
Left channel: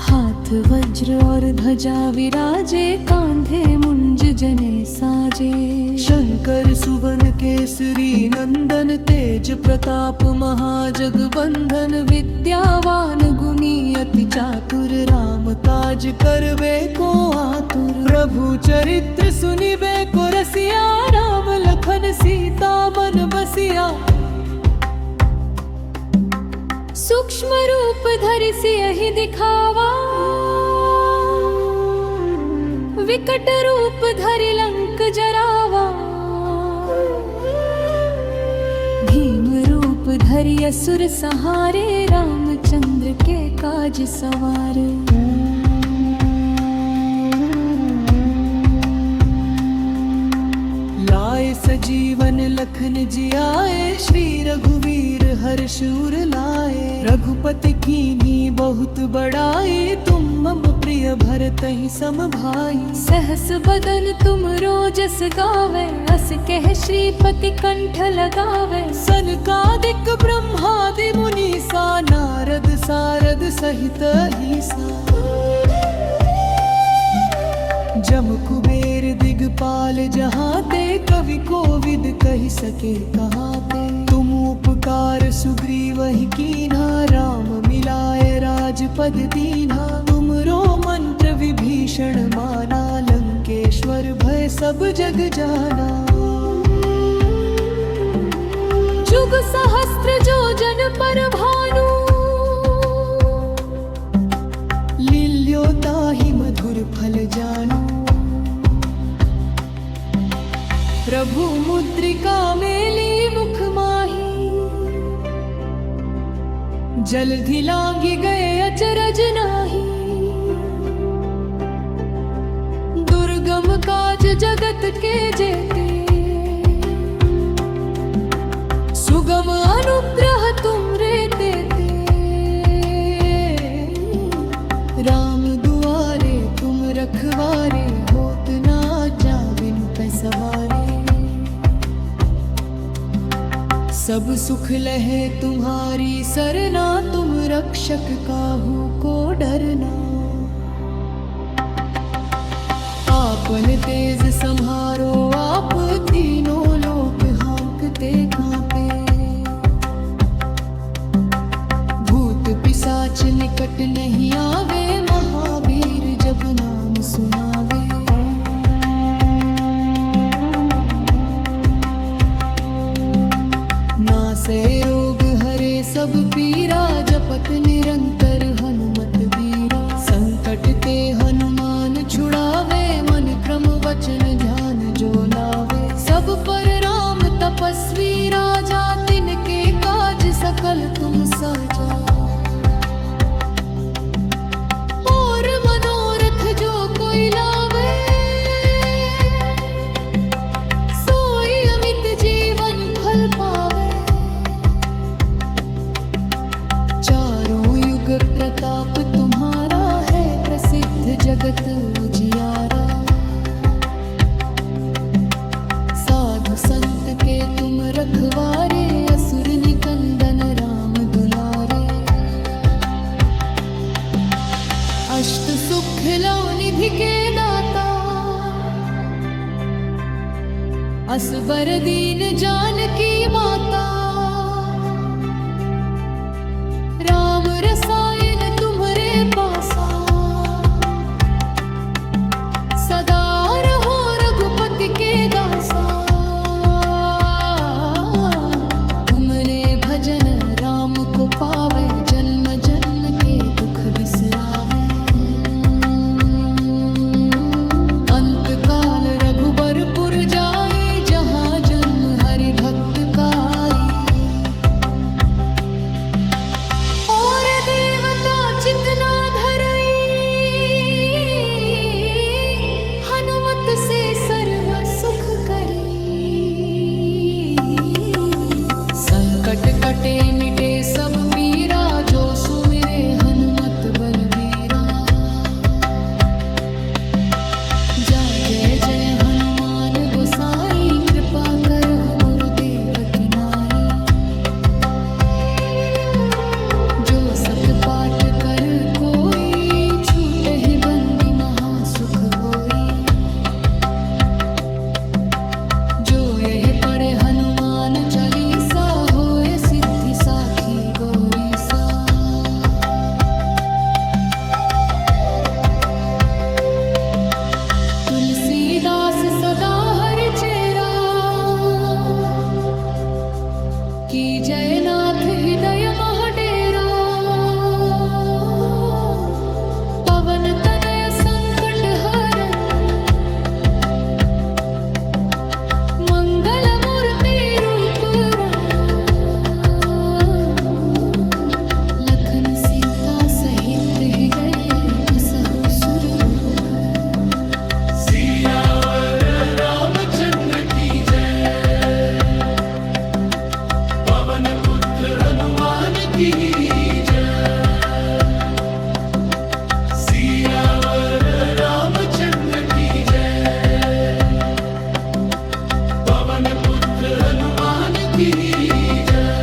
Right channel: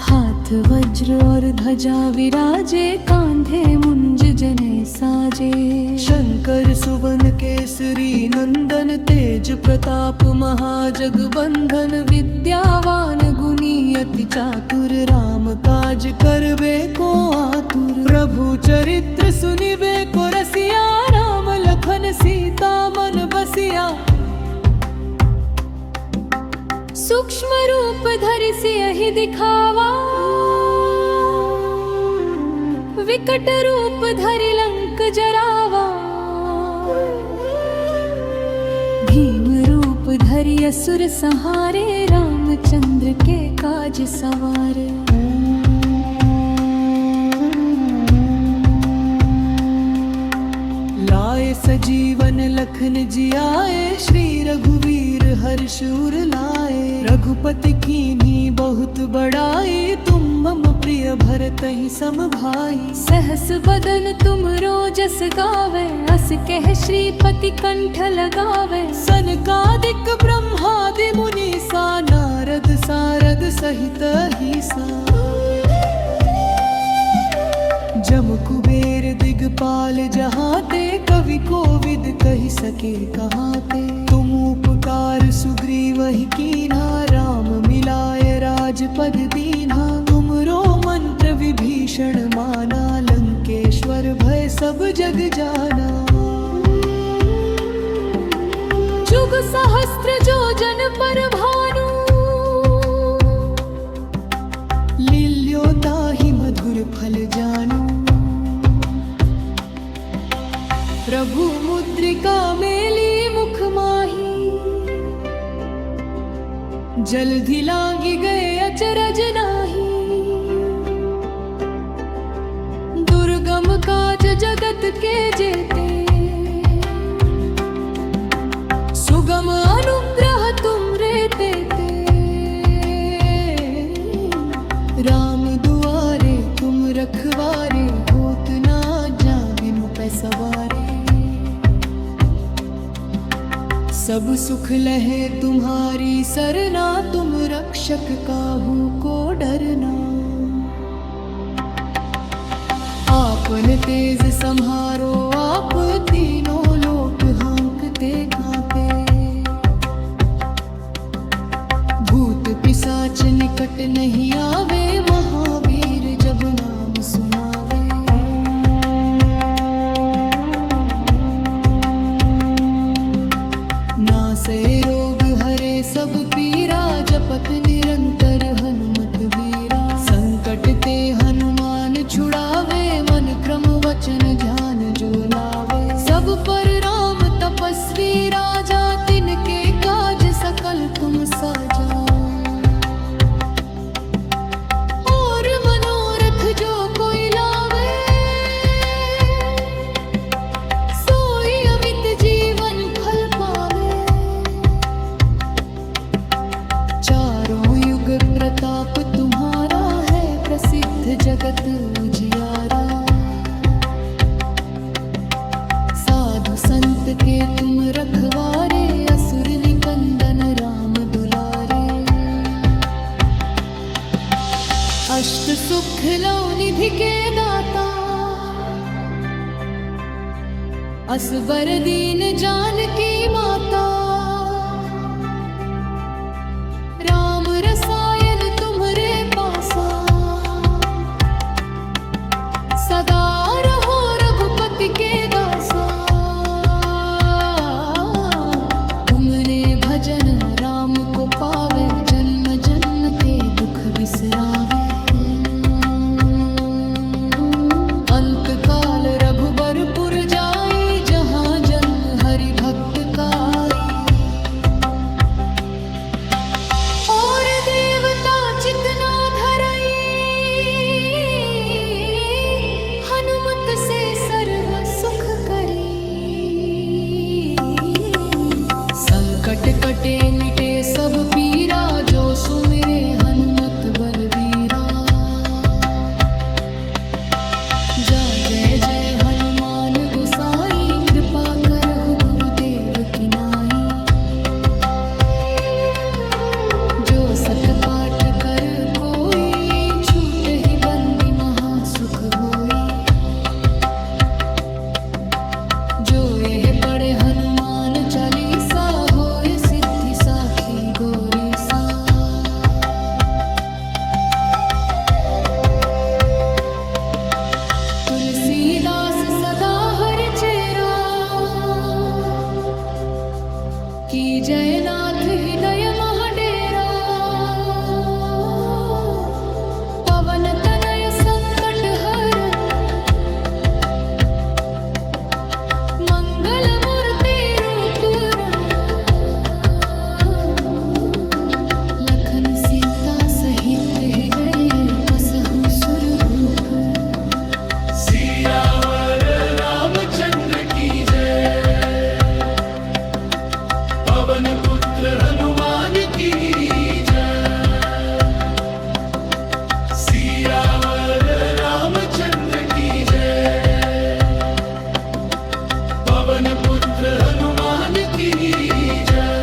हाथ वज्र और ध्वजा विराजे, कांधे मुंज जने साजे। शंकर सुवन केसरी नंदन, तेज प्रताप महाजगबंधन। विद्यावान गुणी अति चातुर, राम काज करबे को आतुर। प्रभु चरित्र सुनिबे को रसिया, राम लखन सीता मन बसिया। सूक्ष्म रूप धरि सियहि दिखावा, विकट रूप धरि लंक जरावा। भीम रूप धरि असुर संहारे, रामचंद्र के काज सवारे। लाए सजीवन लखन जियाए, श्री रघुवीर हर्ष उर लाए। रघुपति कीन्ही बहुत बड़ाई, तुम मम प्रिय भरतहि सम भाई। सहस बदन तुम रोजस गावे, अस कह श्रीपति कंठ लगावे। सनकादिक ब्रह्मादि मुनीसा, नारद सारद सहित ईसा। जम कुबेर दिगपाल जहाँ ते कवि कोविद कही सके कहाँ ते। तुम उपकार सुग्रीव ही कीन्हा राम मिलाए राजपद दीन्हा। तुमरो मंत्र विभीषण माना लंकेश्वर भय सब जग जाना। जुग सहस्त्र जो जन पर भानु लील्यो ताहि मधुर फल जानू। प्रभु मुद्रिका मेली मुख माही जल्दी लांगी गए अचरज नाही। दुर्गम काज जगत के जेते सुगम अनुग्रह तुम रे तेते। राम दुआरे तुम रखवारे होत ना जा बिनु पैसवारे। सब सुख लहे तुम्हारी सरना तुम रक्षक काहू को डरना। आपन तेज संहारो आप तीनों लोक हाँकते कांपे। भूत पिशाच निकट नहीं आवे महावीर जब नाम सुनावे। नासे रोग हरे सब पीरा जपत निरंतर हनुमत बीरा। संकट ते हनुमान छुड़ावे मन क्रम वचन ध्यान जो लावे। सब पर राम तपस्वी राजा तिनके काज सकल तुम साजा। और मनोरथ जो कोई लावे सोई अमित जीवन फल पावे। चारों युग प्रताप तुम्हारा है प्रसिद्ध जगत उजियारा। साधु संत के तुम रखवारे असुर निकंदन राम दुलारे। अष्ट सुख लो निधि के दाता असबर दीन जानकी माता। राम रसायन तुम्हरे पासा सदा रहो रघुपति के दासा। तुमने भजन राम को पावे जन्म जन्म के दुख बिसरावे। अंत काल रघुबरपुर जाई जहाँ जन्म हरि भक्त काई। और देवता चितना धरई हनुमत से सर्व सुख करी। संकट कटे मिटे सब पीरा जो सुमिरे हनुमत बलवीरा। जा जय जय हनुमान गोसाई कृपा करहु गुरुदेव की नाई। जो सत पाठ कर कोई छूट ही बंदी महासुख होई। जो यह पढ़े हनुमान चालीसा होए सिद्धि साखी गौरी सा। तुलसीदास सदा हरि चेरा की जयनाथ हृदय महडेरा। पवन तनय संकट हरन मंगल मूर्ति रूप रंग। लखन सीता सहित हृदय बसहु सुरभूप। सियावर रामचंद्र की जय। पवन पुत्र हनुमान की जय। सियावर रामचंद्र की जय। पवन पुत्र हनुमान की जय।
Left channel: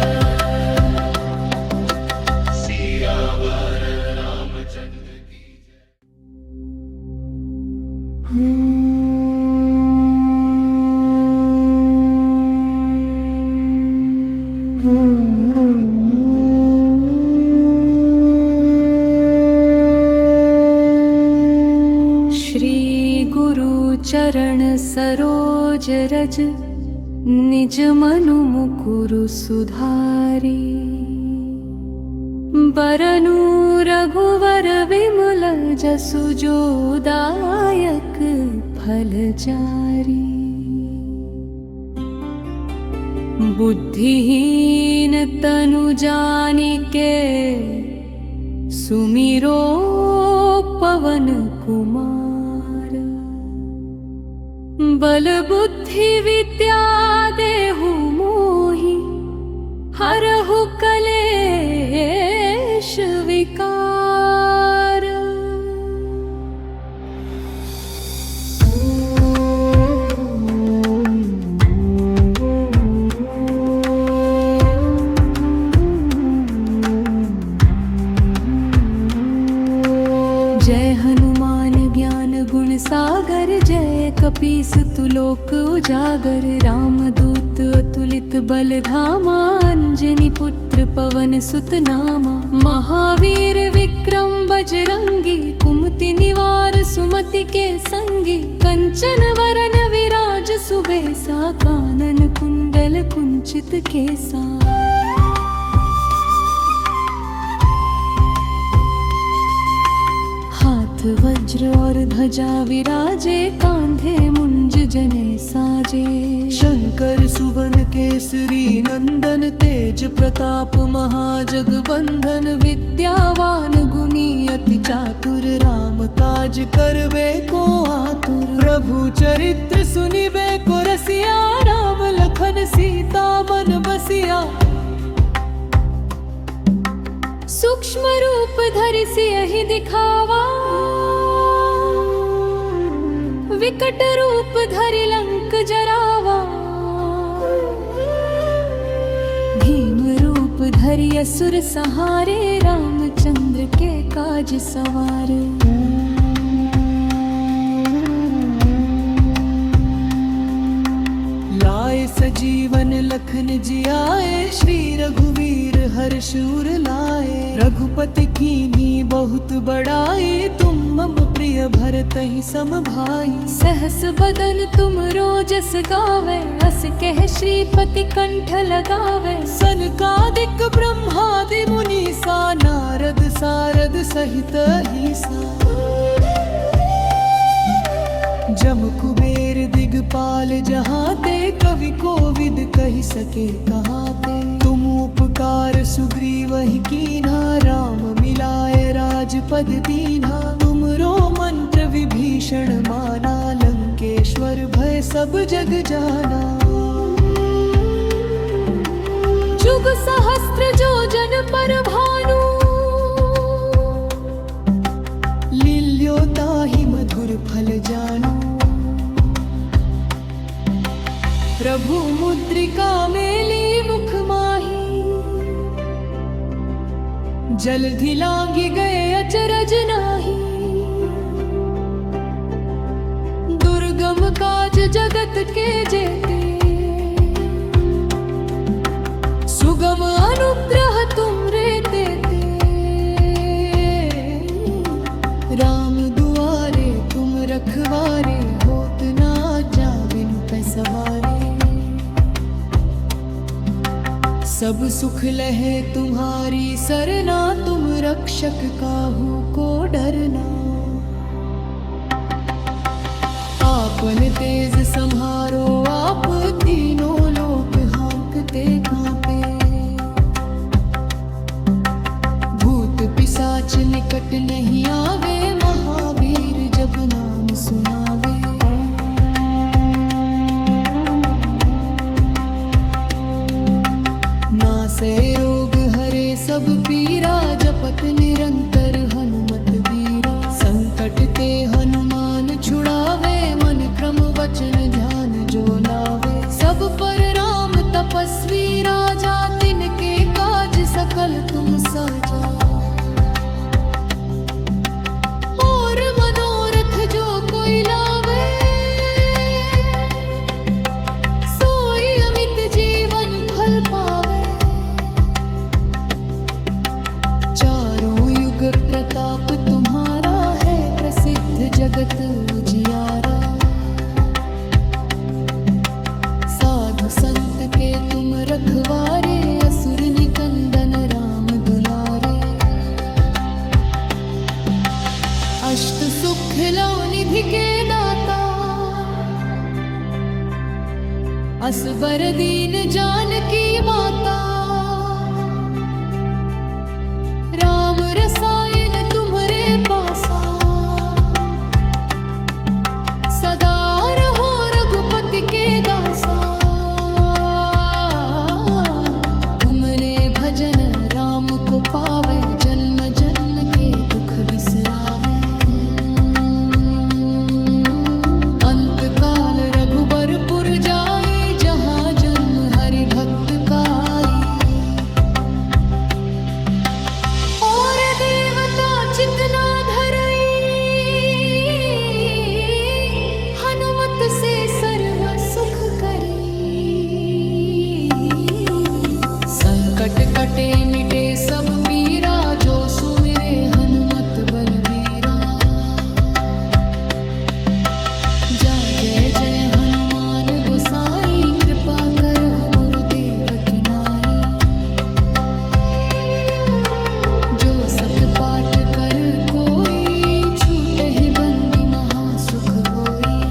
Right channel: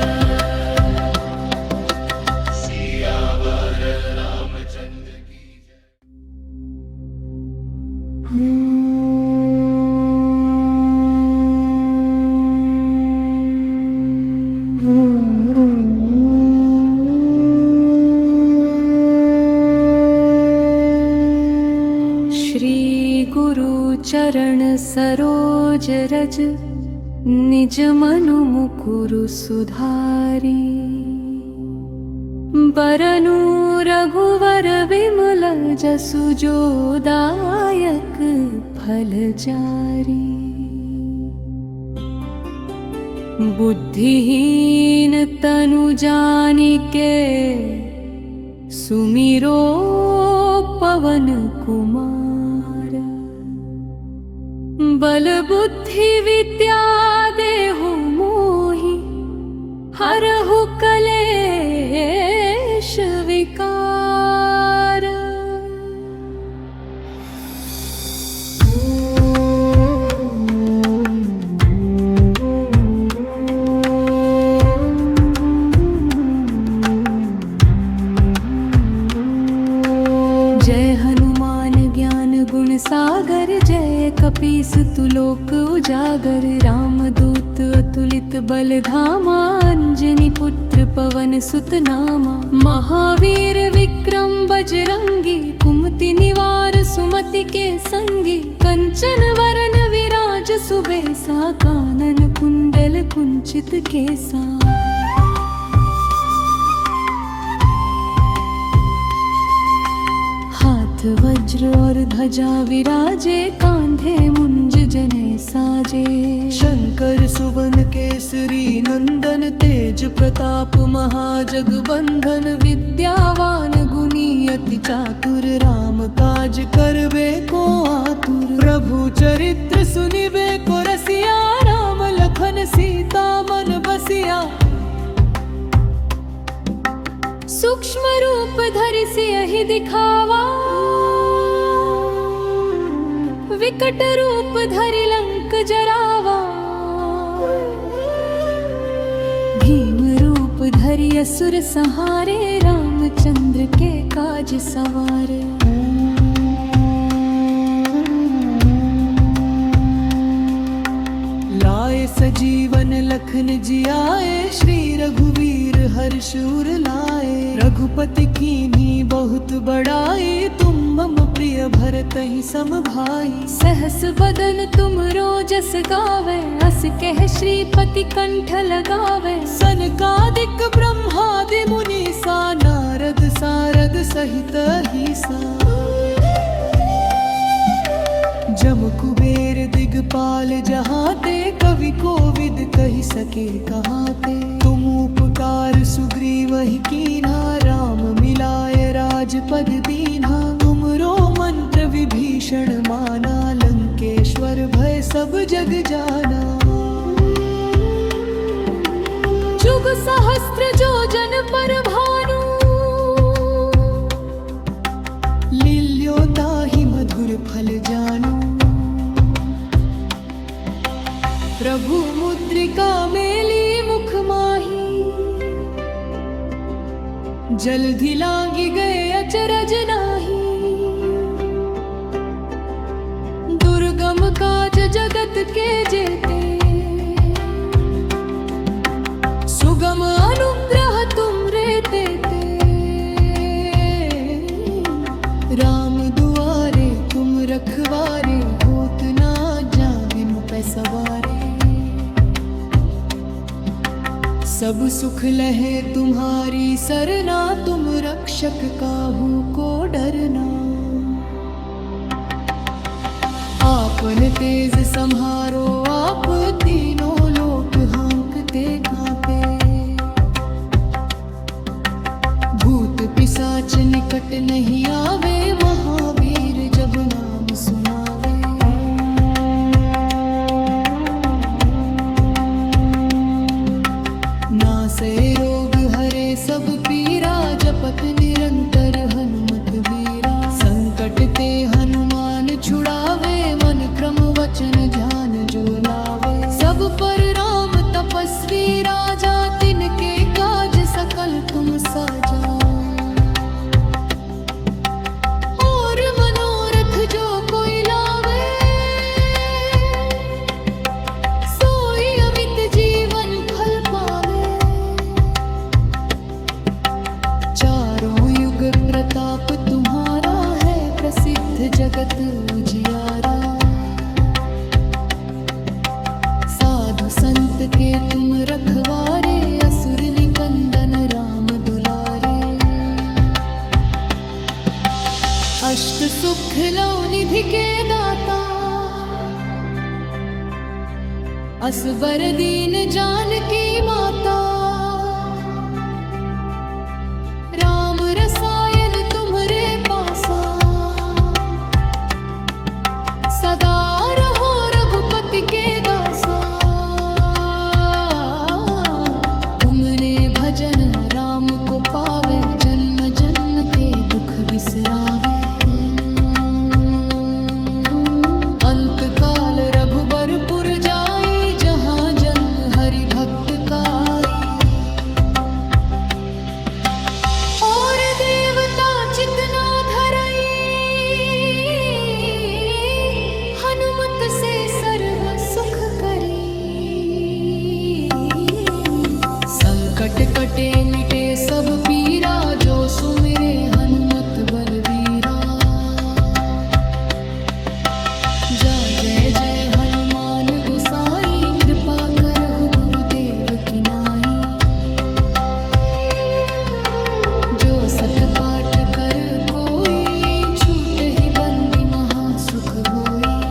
सियावर रामचंद्र की जय। श्री गुरु चरण सरोज रज निज मनु मुकुरु सुधारी बरनु रघुवर विमल जसु जो दायक फल जारी बुद्धिहीन तनु जानिके सुमिरो पवन कुमार बल बुद्धि विद्या देहु मोहि हरहु कलेश विकार जय हनुमान ज्ञान गुण सागर जय कपीस तुलोक उजागर रामदूत अतुलित बल धामा अंजनी पुत्र पवन सुत नामा महावीर विक्रम बजरंगी कुमति निवार सुमति के संगी कंचन वरन विराज सुबेसा कानन कुंडल कुंचित केसा वज्र और ध्वजा विराजे कांधे मुंज जने साजे शंकर सुवन केसरी नंदन तेज प्रताप महाजगबंधन विद्यावान गुणी अति चातुर राम काज करबे को आतुर प्रभु चरित्र सुनिबे को रसिया राम लखन सीता मन बसिया सूक्ष्म रूप धरि सियहि दिखावा विकट रूप धरि लंक जरावा भीम रूप धरि असुर संहारे रामचंद्र के काज सवार लाए सजीवन लखन जियाए श्री रघुवीर हर्षूर लाए रघुपति कीन्ही बहुत बड़ाई तुम मम प्रिय भरतहि सम भाई सहस बदन तुम रोजस गावे अस कह श्रीपति कंठ लगावे सनकादिक ब्रह्मादि मुनीसा नारद सारद सहित ईसा जम कुबेर दिगपाल जहाते कवि कोविद कहि सके कहाते तुम उपकार सुग्रीवहि कीन्हा राम मिलाए राजपद दीन्हा तुमरो मंत्र विभीषण माना लंकेश्वर भय सब जग जाना जुग सहस्त्र जो जन पर भानु लील्यो ताहि मधुर फल जानू प्रभु मुद्रिका मेली मुख माही जल्दी लांगी गए अचरज नाही दुर्गम काज जगत के जेते सुगम अनुग्रह तुम रे देते राम दुआरे तुम रखवारे होत ना जा बिनु पैसवारे सब सुख लहे तुम्हारी सरना तुम रक्षक काहू को डरना आपन तेज संहारो आप तीनों लोक हाँकते कांपे भूत पिशाच निकट नहीं आवे महावीर जब नाम सुनावे नासे रोग हरे सब पीरा जपत निरंतर हनुमत बीरा संकट ते हनुमान छुड़ावे मन क्रम वचन ध्यान जो लावे सब पर राम तपस्वी राजा तिनके काज सकल तुम साजा और मनोरथ जो कोई लावे प्रताप तुम्हारा है प्रसिद्ध जगत उजियारा। साधु संत के तुम रखवारे, असुर निकंदन राम दुलारे। अष्ट सुख लो निधि के दाता, असबर दीन जानकी माता। राम रसायन तुम्हरे पासा, सदा रहो रघुपति के दासा। तुमने भजन राम को पावे, जन्म जन्म के दुख बिसरावे। अंत काल रघुबरपुर जाई, जहाँ जन्म हरि भक्त काई। और देवता चितना धरई, हनुमत से सर्व सुख करी। संकट कटे मिटे सब पीरा, जो सुमिरे हनुमत बलबीरा। जय जय हनुमान गोसाई, कृपा करहु गुरुदेव की नाई। जो सत पाठ कर कोई, छूट ही बंदी महासुख होई।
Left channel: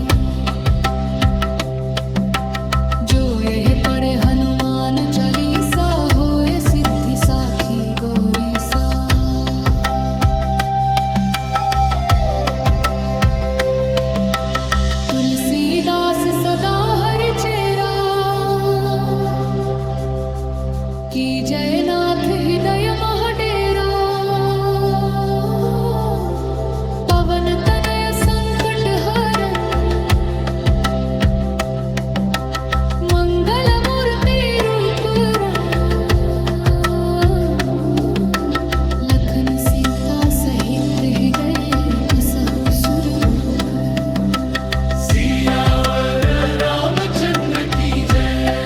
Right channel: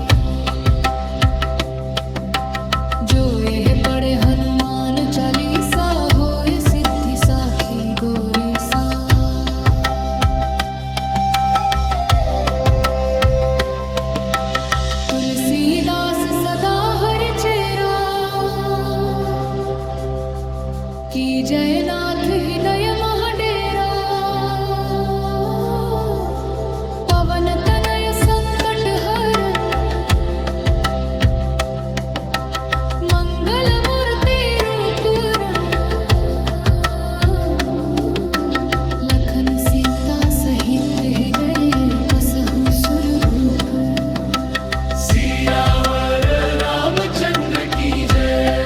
जो यह पढ़े हनुमान चालीसा, होए सिद्धि साखी गौरी सा। तुलसीदास सदा हरि चेरा, की जयनाथ हृदय महडेरा। पवन तनय संकट हरन, मंगल मूर्ति रूप रंग। लखन सीता सहित हृदय, बसहु सुरभूप। सियावर रामचंद्र की जय,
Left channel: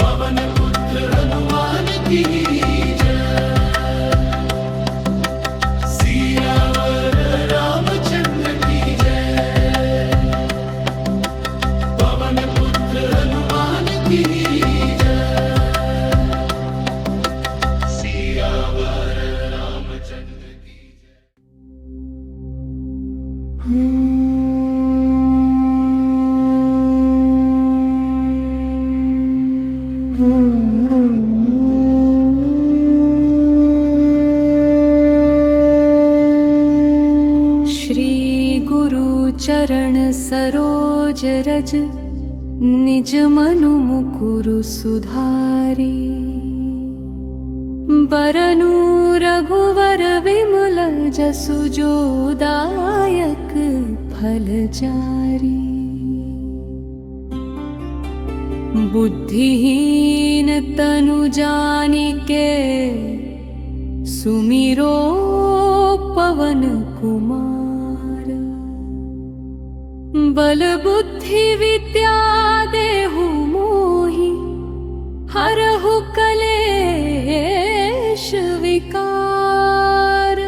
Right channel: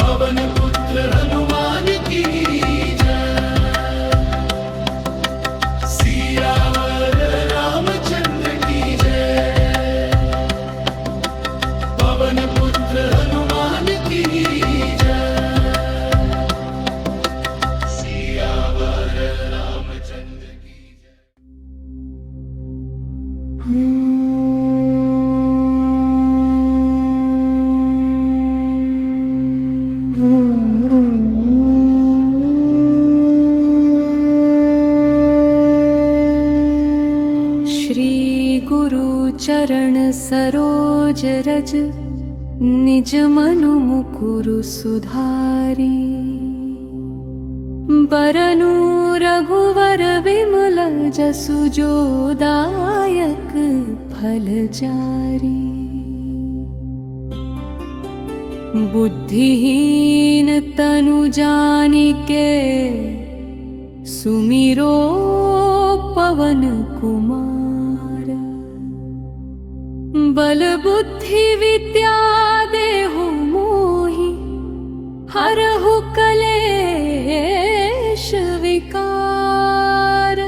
पवन पुत्र हनुमान की जय। सियावर रामचंद्र की जय, पवन पुत्र हनुमान की जय। सियावर रामचंद्र की जय। श्री गुरु चरण सरोज रज, निज मनु मुकुरु सुधारी। बरनु रघुवर विमल जसु, जो दायक फल चारी। बुद्धिहीन तनु जानिके, सुमिरो पवन कुमार। बल बुद्धि विद्या देहु मोहि, हरहु कलेश विकार।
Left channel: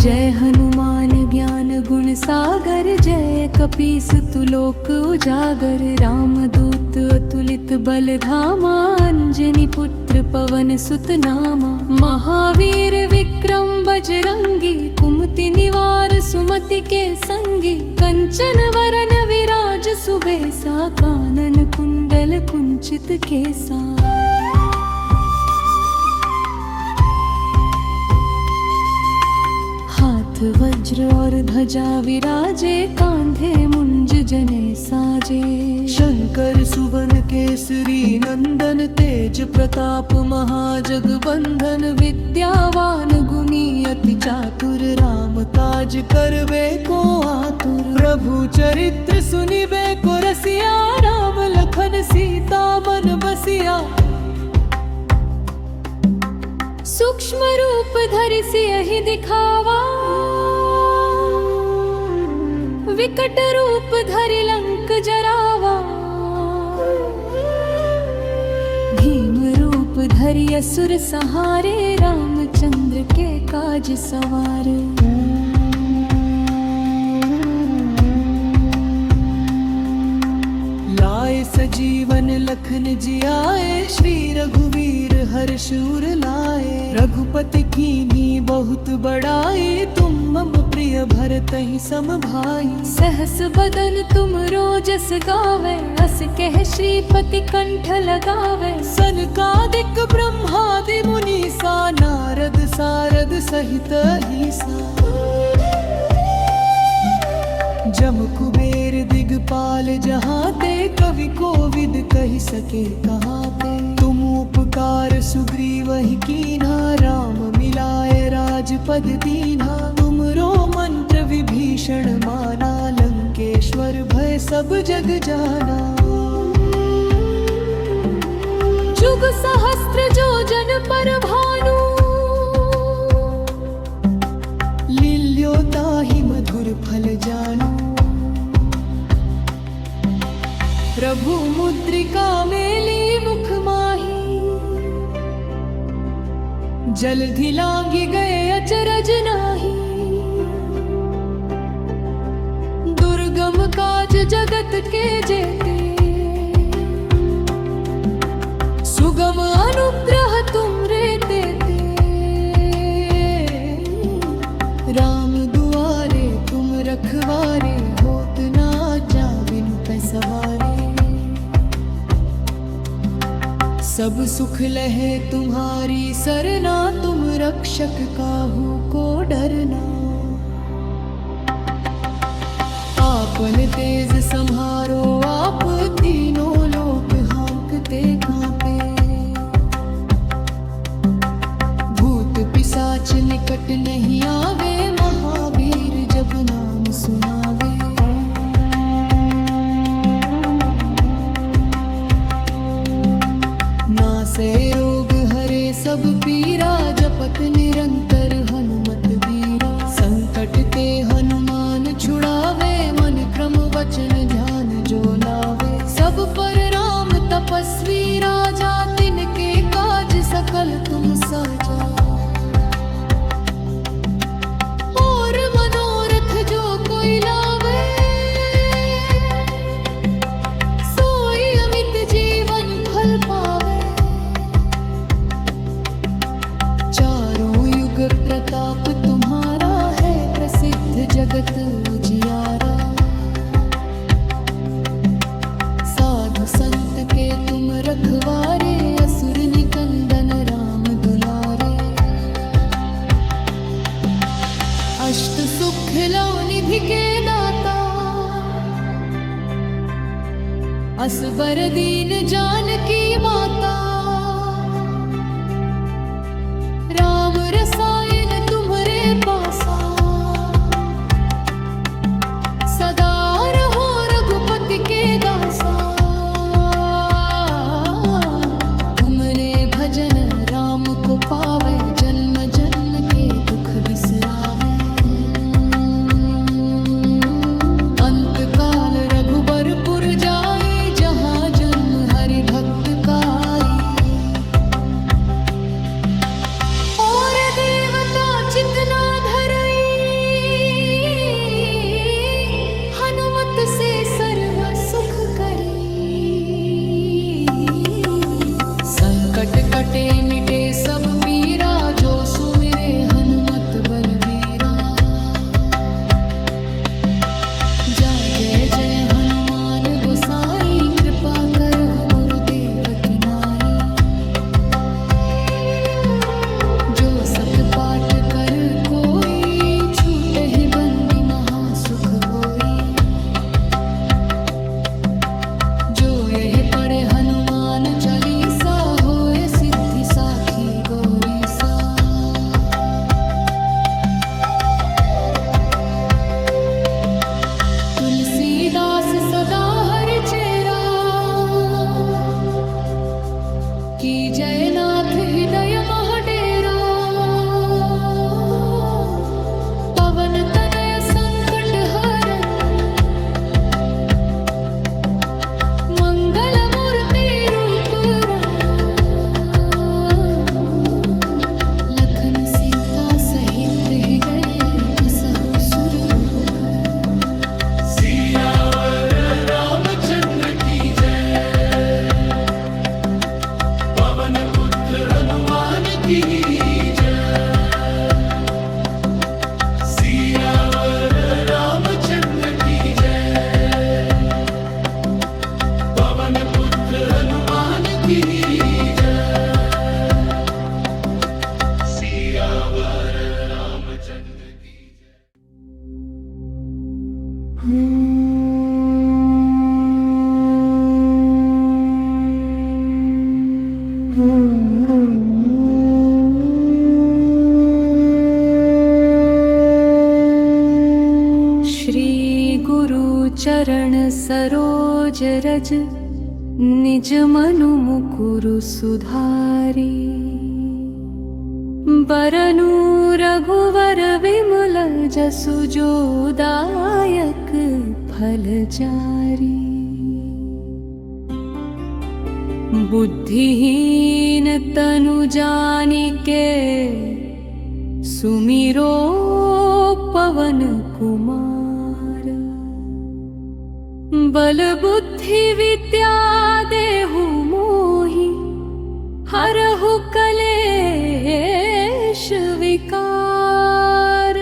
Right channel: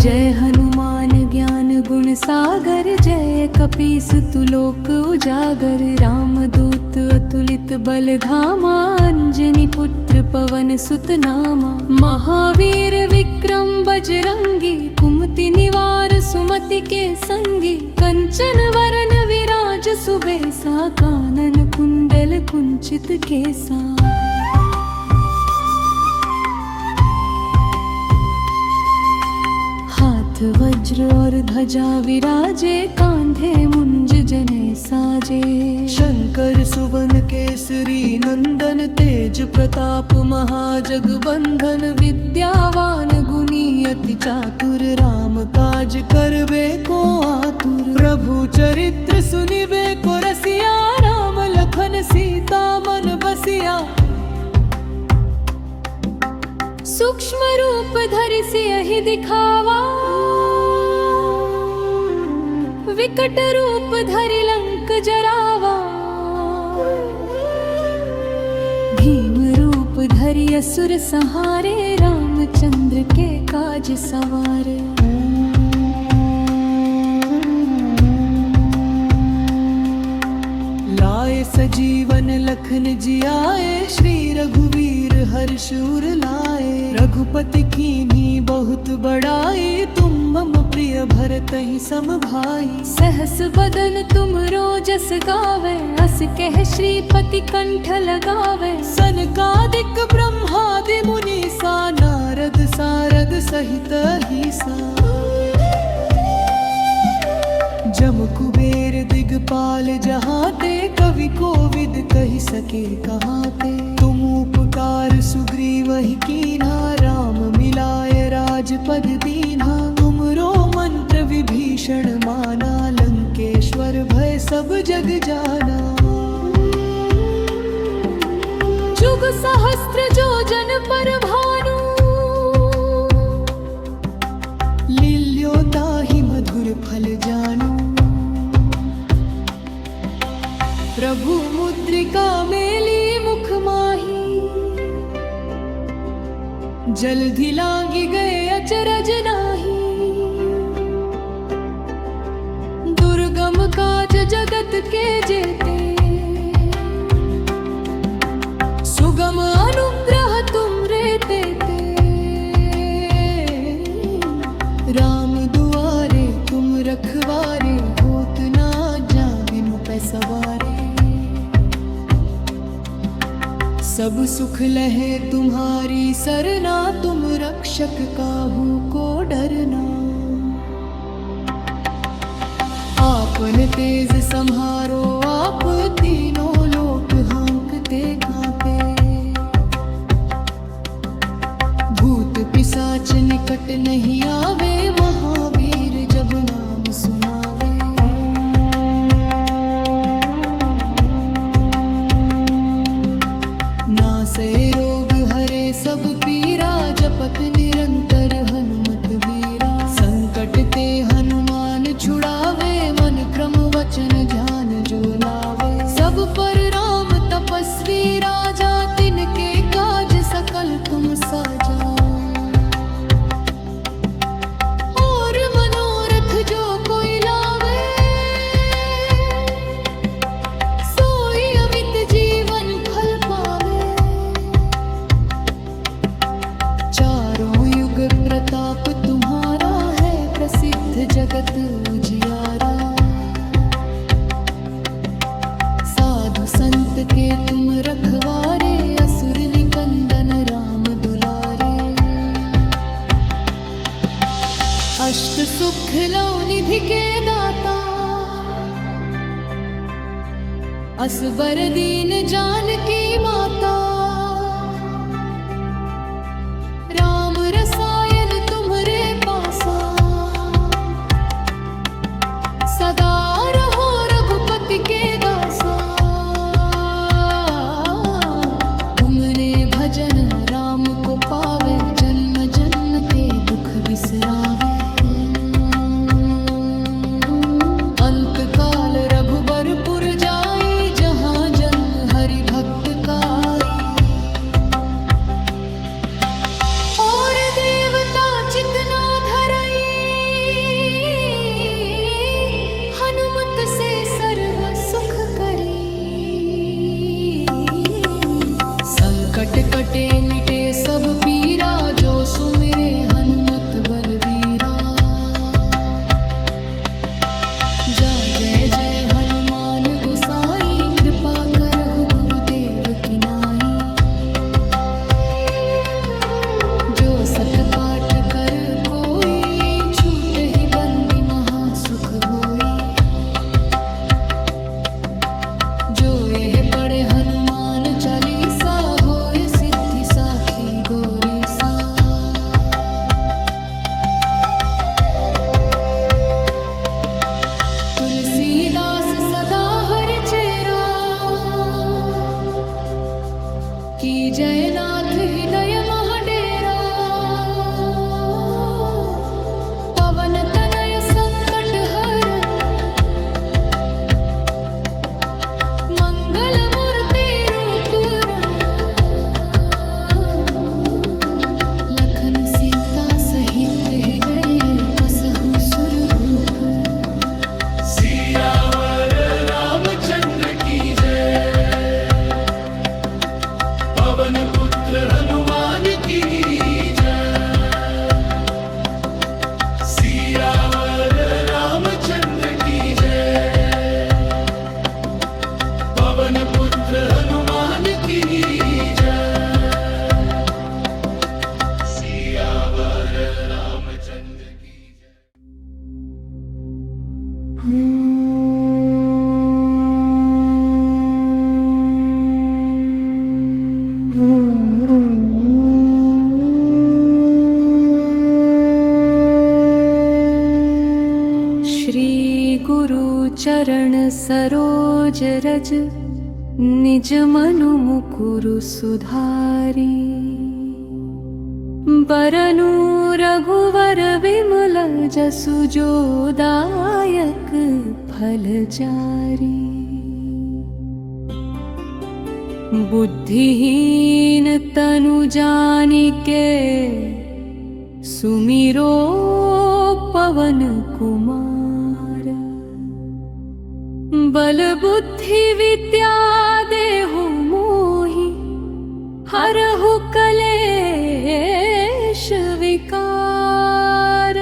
जय हनुमान ज्ञान गुण सागर, जय कपीस तुलोक उजागर। रामदूत अतुलित बल धामा, अंजनी पुत्र पवन सुत नामा। महावीर विक्रम बजरंगी, कुमति निवार सुमति के संगी। कंचन वरन विराज सुबेसा, कानन कुंडल कुंचित केसा। हाथ वज्र और ध्वजा विराजे, कांधे मुंज जने साजे। शंकर सुवन केसरी नंदन, तेज प्रताप महाजगबंधन। विद्यावान गुणी अति चातुर, राम काज करबे को आतुर। प्रभु चरित्र सुनिबे को रसिया, राम लखन सीता मन बसिया। सूक्ष्म रूप धरि सियहि दिखावा, विकट रूप धरि लंक जरावा। भीम रूप धरि असुर सहारे, रामचंद्र के काज सवारे। लाए सजीवन लखन जियाए, श्री रघुवीर हर्ष उर लाए। रघुपति कीन्ही बहुत बड़ाई, तुम मम प्रिय भरतहि सम भाई। सहस बदन तुम रोजस गावे, अस कह श्रीपति कंठ लगावे। सनकादिक ब्रह्मादि मुनीसा, नारद सारद सहित अहिसा। जम कुबेर दिगपाल जहाते, कवि कोविद कहि सके कहाते। तुम उपकार सुग्रीवहि कीन्हा, राम मिलाए राजपद दीन्हा। तुमरो मंत्र विभीषण माना, लंकेश्वर भय सब जग जाना। जुग सहस्त्र जो जन पर भानु, लील्यो ताहि मधुर फल जानू। प्रभु मुद्रिका मेली मुख माही, जल्दी लांगी गए अचरज नाही। दुर्गम काज जगत के जेते, सुगम अनुग्रह तुम रे तेते। राम दुआरे तुम रखवारे, होत ना जा बिनु पैसवारे। सब सुख लहे तुम्हारी सरना, तुम रक्षक काहू को डरना। आपन तेज संहारो आप, तीनों लोक हाँकते कांपे। भूत पिशाच निकट नहीं आवे, महावीर जब नाम सुनावे। नासे रोग हरे सब पीरा, जपत निरंतर हनुमत बीरा। संकट ते हनुमान छुड़ावे, मन क्रम वचन ध्यान जो लावे। सब पर राम तपस्वी राजा, तिनके काज सकल तुम साजा। और मनोरथ जो कोई लावे, सोई अमित जीवन फल पावे। चारों युग प्रताप तुम्हारा है, प्रसिद्ध जगत उजियारा। साधु संत के तुम रखवारे, असुर निकंदन राम दुलारे। अष्ट सुख लो निधि के दाता, असबर दीन जानकी माता। राम रसायन तुम्हरे पासा, सदा रहो रघुपति के दासा। तुमने भजन राम को पावे, जन्म जन्म के दुख बिसरावे। अंत काल रघुबरपुर जाई, जहाँ जन्म हरि भक्त काई। और देवता चितना धरई, हनुमत से सर्व सुख करी। संकट कटे मिटे सब पीरा, जो सुमिरे हनुमत बलबीरा। जा जय जय हनुमान गोसाई, कृपा करहु गुरुदेव की नाई। जो सत पाठ कर कोई, छूट ही बंदी महासुख होई। जो यह पढ़े हनुमान चालीसा, होए सिद्धि साखी गौरी सा। तुलसीदास सदा हरि चेरा, की जय नाथ हृदय महडेरा पवन तनय संकट हरन मंगल मूर्ति रूप लखन सीता सहित हृदय बसहु सुरभूप सियावर रामचंद्र की जय पवन पुत्र हनुमान की जय सियावर रामचंद्र की जय पवन पुत्र हनुमान की जय सियावर रामचंद्र की जय श्री गुरु चरण सरोज रज निज मनु मुकुरु सुधारी बरनु रघुवर विमल जसु जो दायक फल चारी बुद्धिहीन तनु जानिके सुमिरो पवन कुमार बल बुद्धि विद्या देहु मोहि हरहु कलेश विकार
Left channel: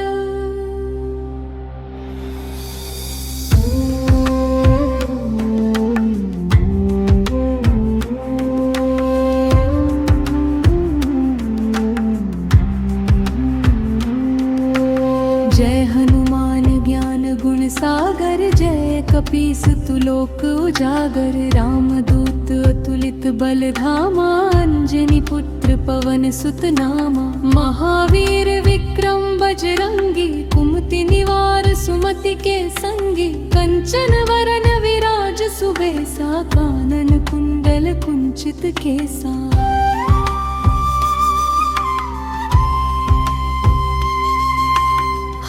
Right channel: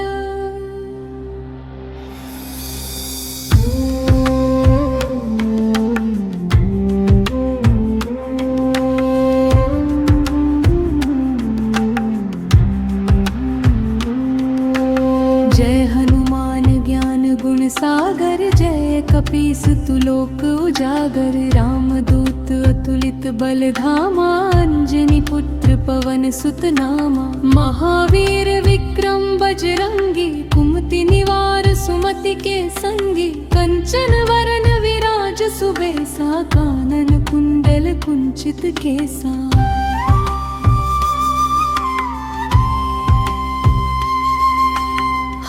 जय हनुमान ज्ञान गुण सागर जय कपीस तुलोक उजागर रामदूत अतुलित बल धामा अंजनी पुत्र पवन सुत नामा महावीर विक्रम बजरंगी कुमति निवार सुमति के संगी कंचन वरन विराज सुबेसा कानन कुंडल कुंचित केसा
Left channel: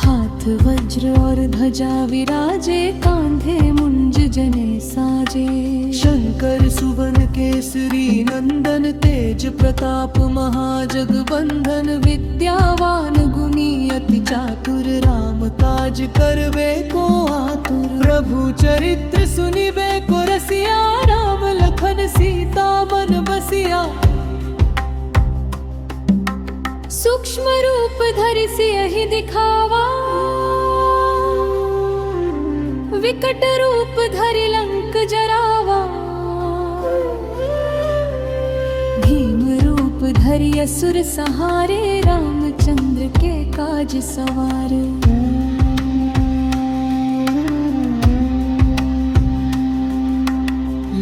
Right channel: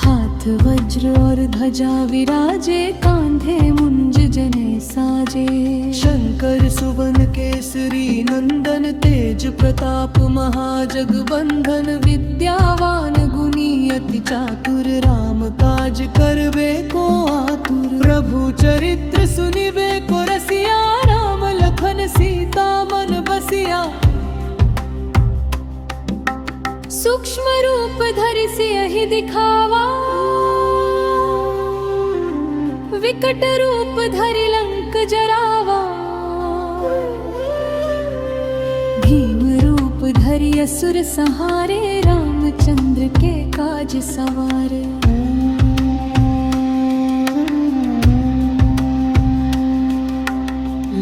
हाथ वज्र और ध्वजा विराजे कांधे मुंज जने साजे शंकर सुवन केसरी नंदन तेज प्रताप महाजगबंधन विद्यावान गुणी अति चातुर राम काज करबे को आतुर प्रभु चरित्र सुनिबे को रसिया राम लखन सीता मन बसिया सूक्ष्म रूप धरि सियहि दिखावा विकट रूप धरि लंक जरावा भीम रूप धरि असुर संहारे रामचंद्र के काज सवार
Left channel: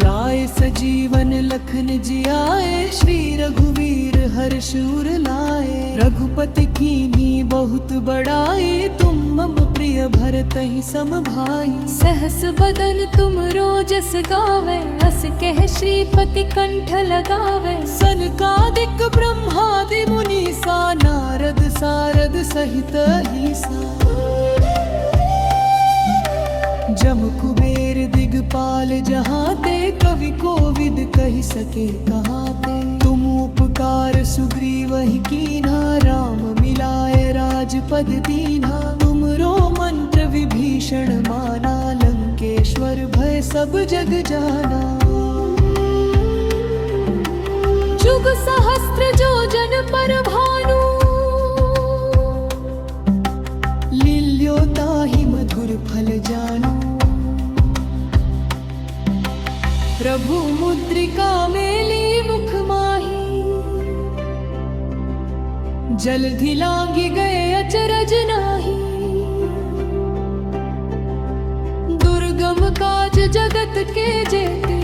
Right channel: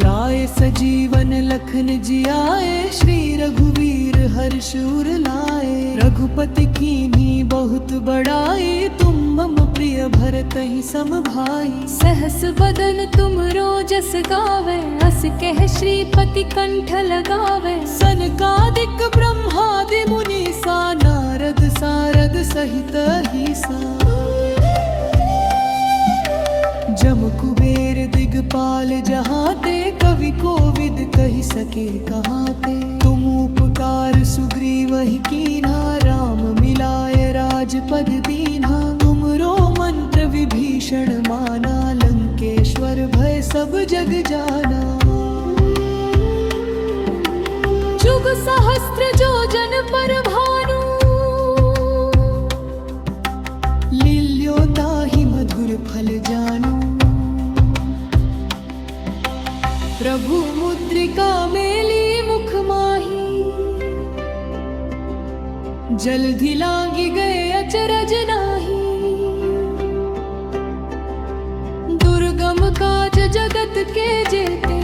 लाए सजीवन लखन जियाए श्री रघुवीर हर्षूर लाए रघुपति कीन्ही बहुत बड़ाई तुम मम प्रिय भरतहि सम भाई सहस बदन तुम रोजस गावे अस कह श्रीपति कंठ लगावे सनकादिक ब्रह्मादि मुनीसा नारद सारद सहित ईसा जम कुबेर दिगपाल जहाते कवि कोविद कहि सके कहाते तुम उपकार सुग्रीवहि कीन्हा राम मिलाए राजपद दीन्हा तुमरो मंत्र विभीषण माना लंकेश्वर भय सब जग जाना जुग सहस्त्र जोजन पर भानु लील्यो ताहि मधुर फल जानो प्रभु मुद्रिका मेली मुख माही जल्दी लांगी गए अचरज नाही दुर्गम काज जगत के जेते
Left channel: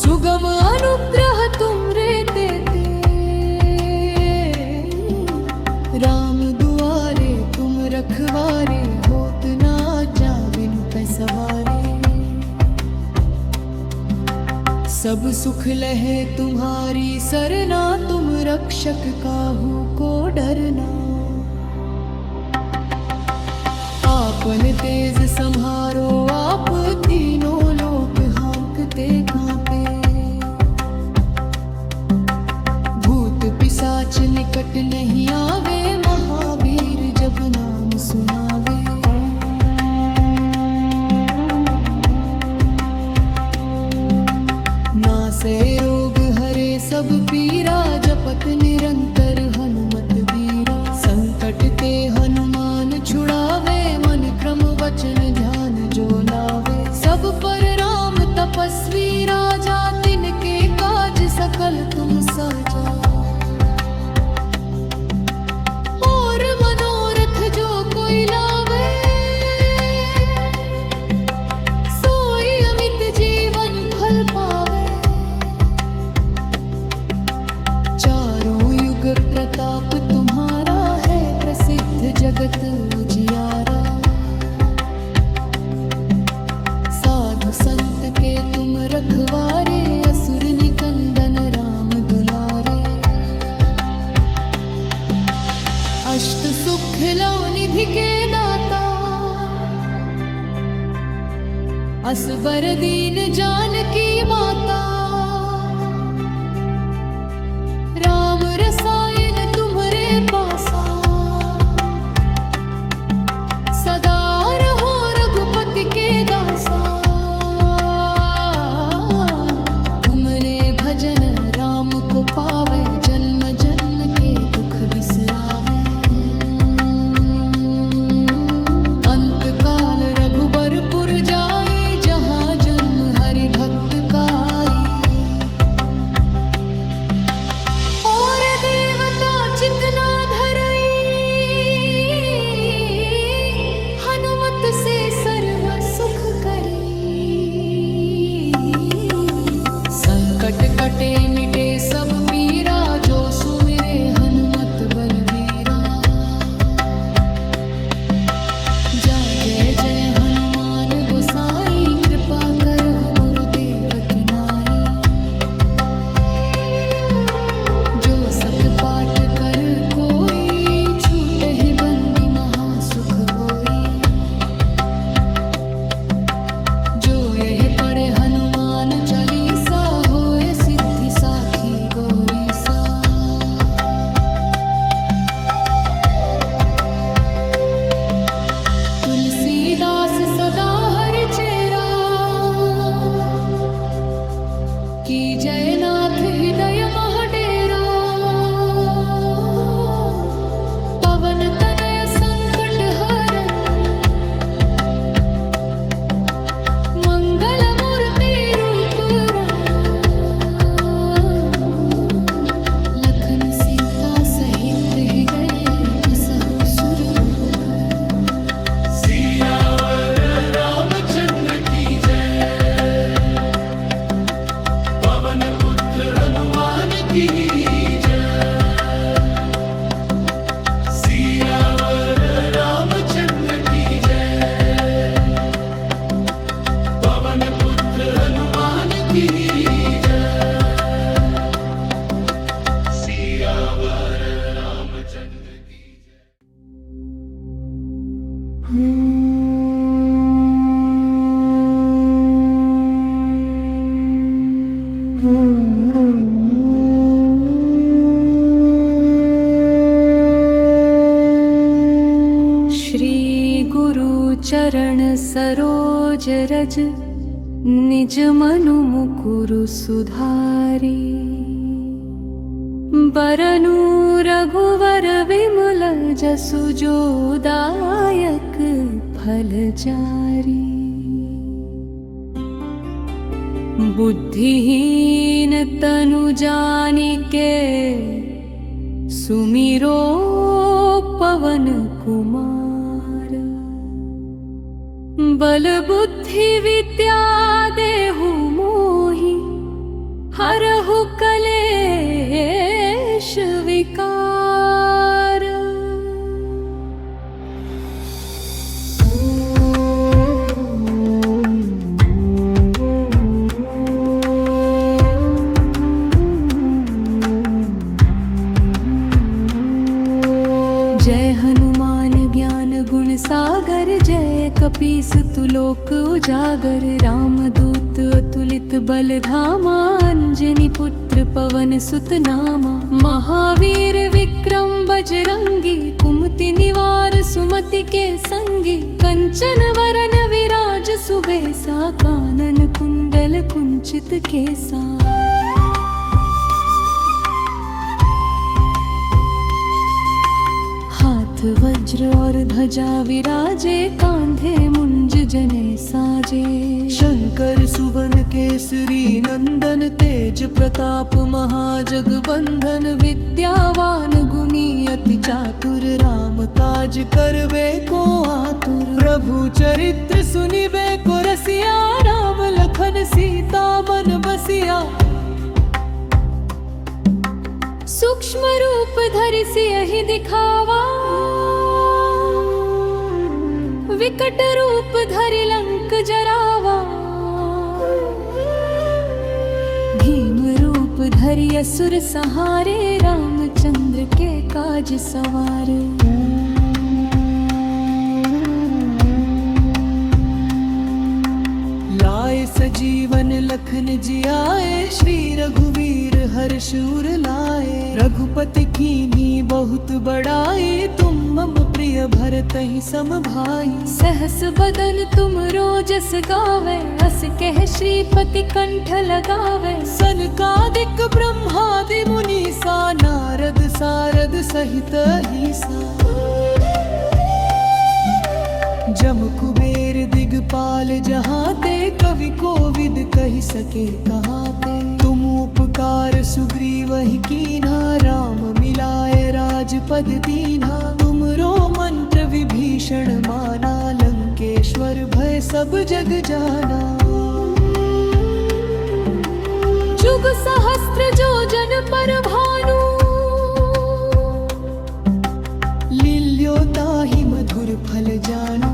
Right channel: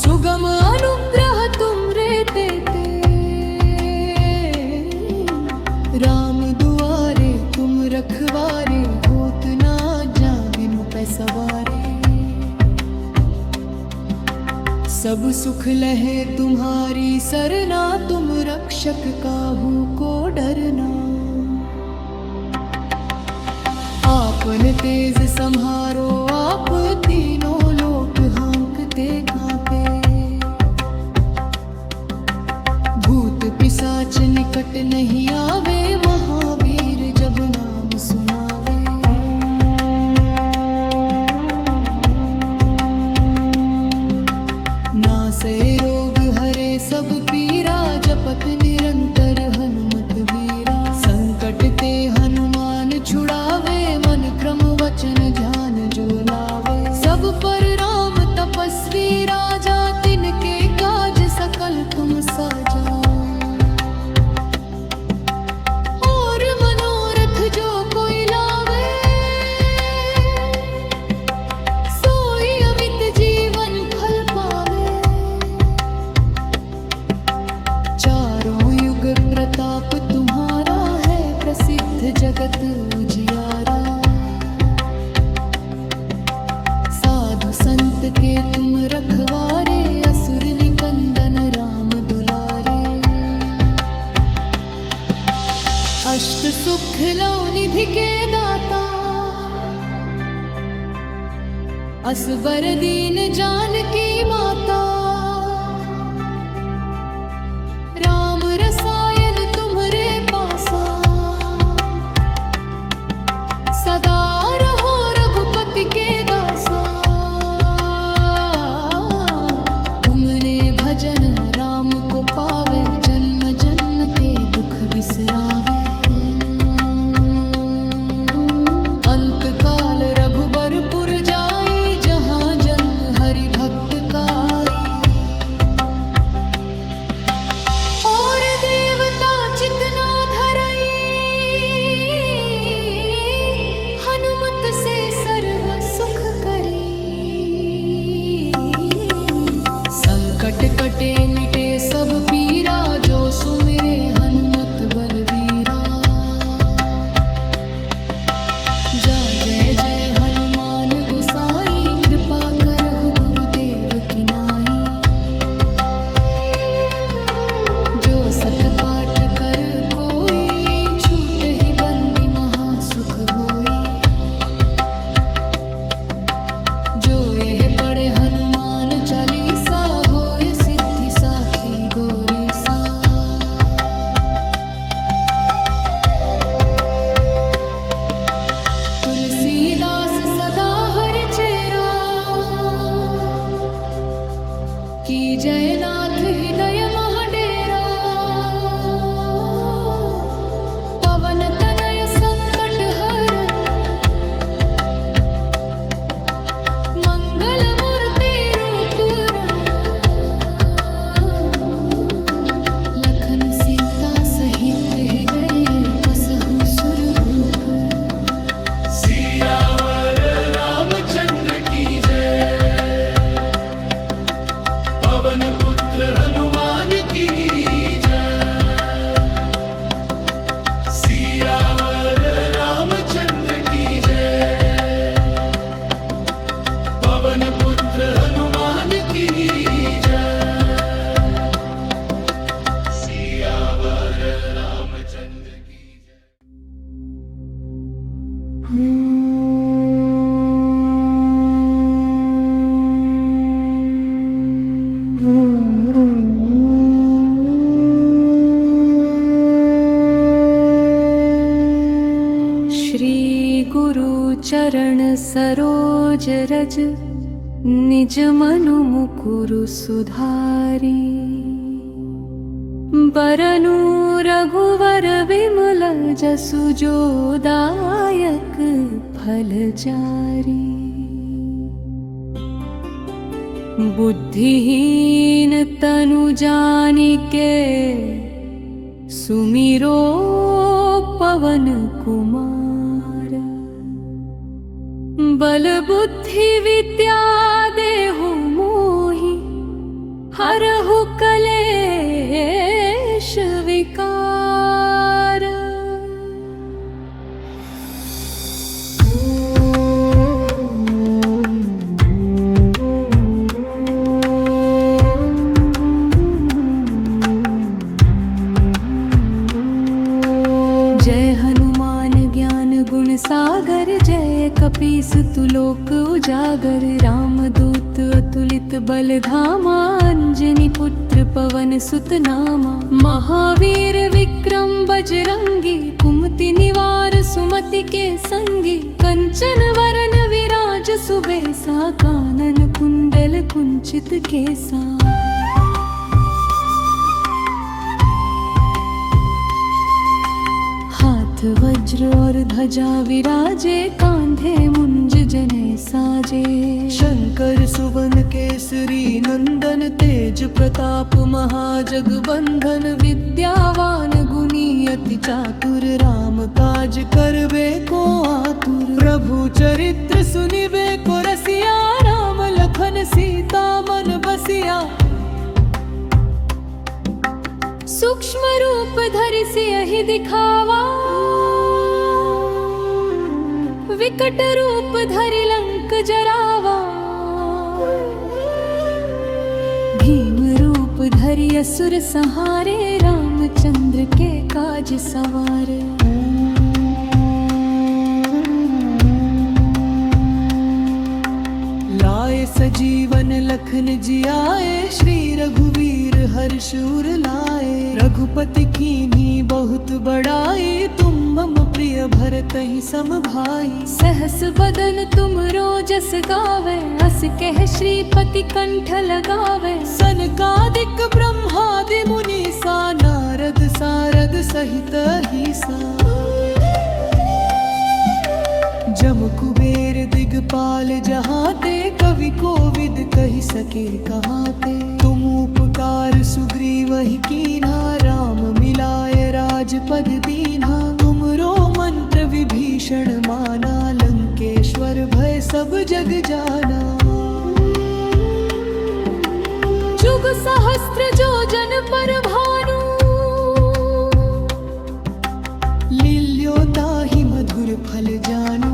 सुगम अनुग्रह तुम रे देते राम दुआरे तुम रखवारे होत ना जा बिनु पैसवारे सब सुख लहे तुम्हारी सरना, तुम रक्षक काहू को डरना। आपन तेज संहारो आप, तीनों लोक हाँकते कांपे। भूत पिशाच निकट नहीं आवे, महावीर जब नाम सुनावे। नासे रोग हरे सब पीरा, जपत निरंतर हनुमत बीरा। संकट ते हनुमान छुड़ावे, मन क्रम वचन ध्यान जो लावे। सब पर राम तपस्वी राजा, तिनके काज सकल तुम साजा। और मनोरथ जो कोई लावे, सोई अमित जीवन फल पावे। चारों युग प्रताप तुम्हारा है, प्रसिद्ध जगत उजियारा। साधु संत के तुम रखवारे, असुर निकंदन राम दुलारे। अष्ट सुख लो निधि के दाता, असबर दीन जानकी माता। राम रसायन तुम्हरे पासा, सदा रहो रघुपति के दासा। तुमने भजन राम को पावे, जन्म जन्म के दुख बिसरावे। अंत काल रघुबरपुर जाई, जहाँ जन्म हरि भक्त का आई। और देवता चितना धरई, हनुमत से सर्व सुख करी। संकट कटे मिटे सब पीरा, जो सुमिरे हनुमत बलवीरा। जा जय जय हनुमान गोसाई, कृपा करहु गुरुदेव की नाई। जो सत पाठ कर कोई, छूट ही बंदी महासुख होई। जो यह पढ़े हनुमान चालीसा, होए सिद्धि साखी गौरी सा। तुलसीदास सदा हरि चेरा, की जयनाथ हृदय महडेरा। पवन तनय संकट हरन, मंगल मूर्ति रूप रंग। लखन सीता सहित हृदय, बसहु सुरभूप। सियावर रामचंद्र की जय, पवन पुत्र हनुमान की जय। सियावर रामचंद्र की जय, पवन पुत्र हनुमान की जय। सियावर रामचंद्र की जय। चरण सरोज रज, निज मनु मुकुरु सुधारी। बरनु रघुवर विमल जसु, जो दायक फल चारी। बुद्धिहीन तनु जानिके, सुमिरो पवन कुमार। बल बुद्धि विद्या देहु मोहि, हरहु कलेश विकार। जय हनुमान ज्ञान गुण सागर, जय कपीस तुलोक उजागर। रामदूत अतुलित बल धामा, अंजनी पुत्र पवन सुत नामा। महावीर विक्रम बजरंगी, कुमति निवार सुमति के संगी। कंचन वरन विराज सुबेसा, कानन कुंडल कुंचित केसा। वज्र और ध्वजा विराजे, कांधे मुंज जने साजे। शंकर सुवन केसरी नंदन, तेज प्रताप महाजगबंधन। विद्यावान गुणी अति चातुर, राम काज करबे को आतुर। प्रभु चरित्र सुनिबे को रसिया, राम लखन सीता मन बसिया। सूक्ष्म रूप धरि सियहि दिखावा, विकट रूप धरि लंक जरावा। भीम रूप धरि असुर संहारे, रामचंद्र के काज सवारे। लाए सजीवन लखन जियाए, श्री रघुवीर हर्ष उर लाए। रघुपति कीन्ही बहुत बड़ाई, तुम मम प्रिय भरतहि सम भाई। सहस बदन तुम रोजस गावे, अस कह श्रीपति कंठ लगावे। सनकादिक ब्रह्मादि मुनीसा, नारद सारद सहित अहिसा। जम कुबेर दिगपाल जहाते, कवि कोविद कहि सके कहाते। तुम उपकार सुग्रीवहि कीन्हा, राम मिलाए राजपद दीन्हा। तुमरो मंत्र विभीषण माना, लंकेश्वर भय सब जग जाना। जुग सहस्त्र जो जन पर भानु, लील्यो ताहि मधुर फल जानू।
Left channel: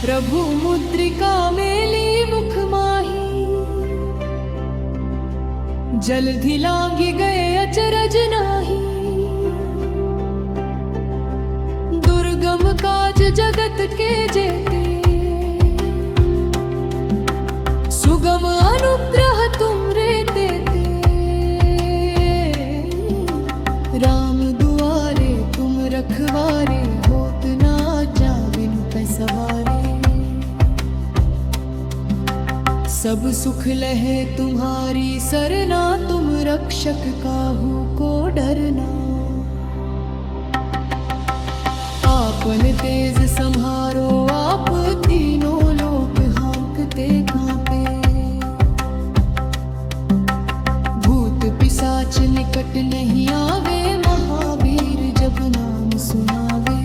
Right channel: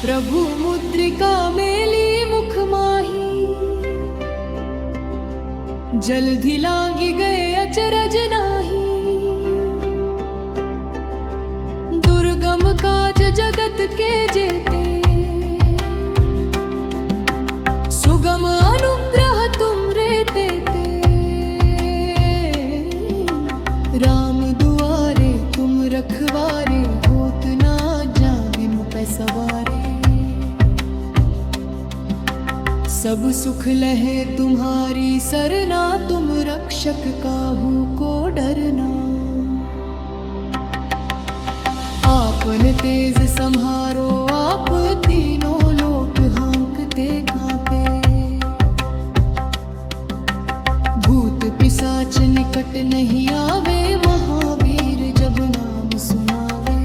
प्रभु मुद्रिका मेली मुख माही, जल्दि लांघि गए अचरज नाही। दुर्गम काज जगत के जेते, सुगम अनुग्रह तुम रे देते। राम दुआरे तुम रखवारे, होत ना जा बिनु पैसवारे। सब सुख लहे तुम्हारी सरना, तुम रक्षक काहू को डरना। आपन तेज सम्हारो आप, तीनों लोक हाँकते कांपे। भूत पिशाच निकट नहीं आवे, महावीर जब नाम सुनावे।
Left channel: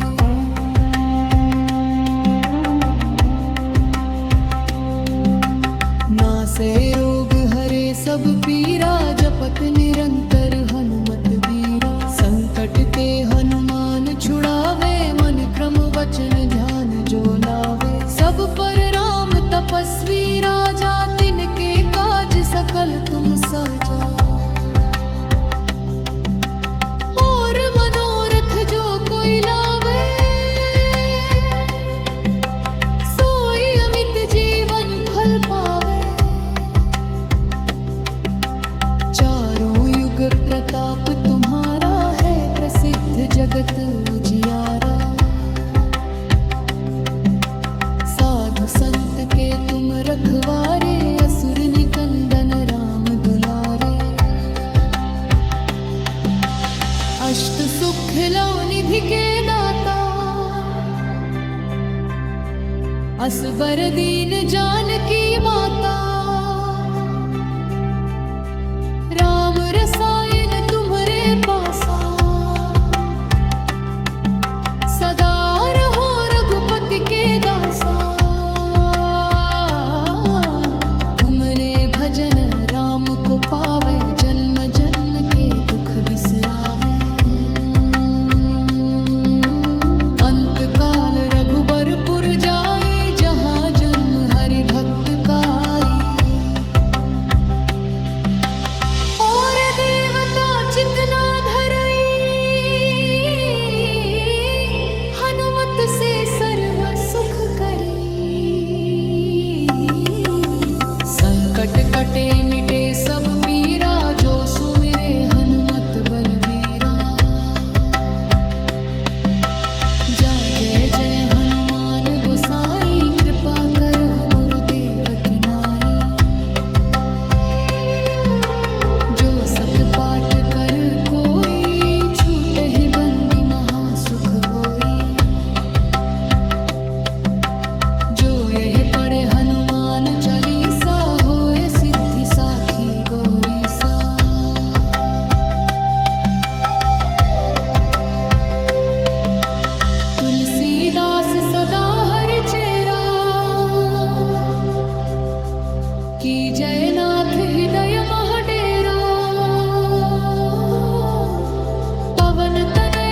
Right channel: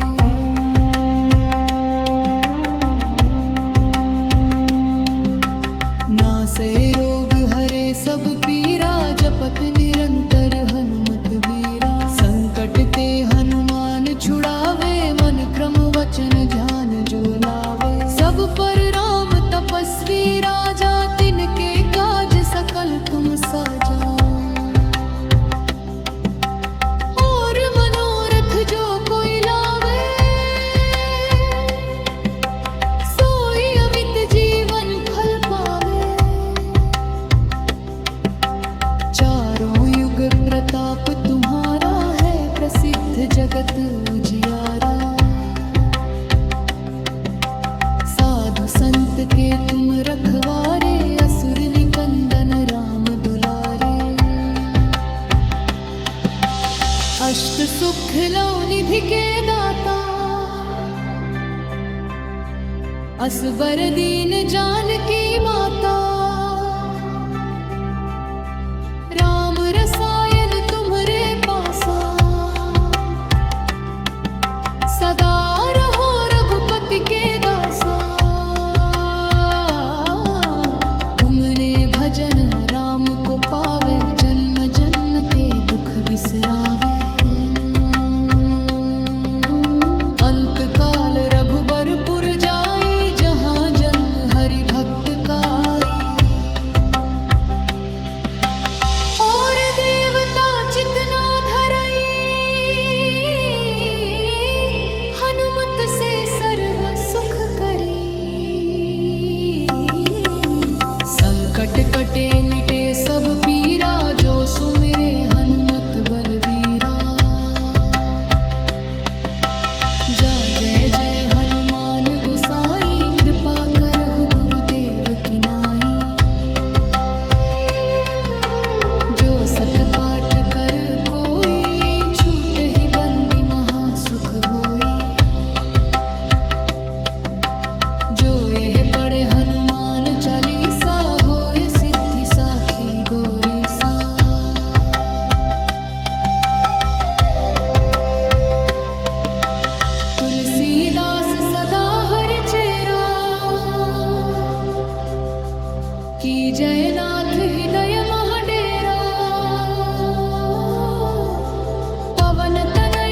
नासे रोग हरे सब पीरा, जपत निरंतर हनुमत बीरा। संकट ते हनुमान छुड़ावे, मन क्रम वचन ध्यान जो लावे। सब पर राम तपस्वी राजा, तिनके काज सकल तुम साजा। और मनोरथ जो कोई लावे, सोई अमित जीवन फल पावे। चारों युग प्रताप तुम्हारा है, प्रसिद्ध जगत उजियारा। साधु संत के तुम रखवारे, असुर निकंदन राम दुलारे। अष्ट सुख लो निधि के दाता, असबर दीन जानकी माता। राम रसायन तुम्हरे पासा, सदा रहो रघुपति के दासा। तुमने भजन राम को पावे, जन्म जन्म के दुख बिसरावे। अंत काल रघुबरपुर जाई, जहाँ जन्म हरि भक्त का आई। और देवता चितना धरई, भक्त से सर्व सुख करी। संकट कटे मिटे सब पीरा, जो सुमिरे हनुमत बलबीरा। जा जय जय हनुमान गोसाई, कृपा करहु गुरुदेव की नाई। जो सत पाठ कर कोई, छूट ही बंदी महासुख होई। जो यह पढ़े हनुमान चालीसा, होए सिद्धि साखी गौरी सा। तुलसीदास सदा हरि चेरा, की जय नाथ हृदय मह डेरा। पवन तनय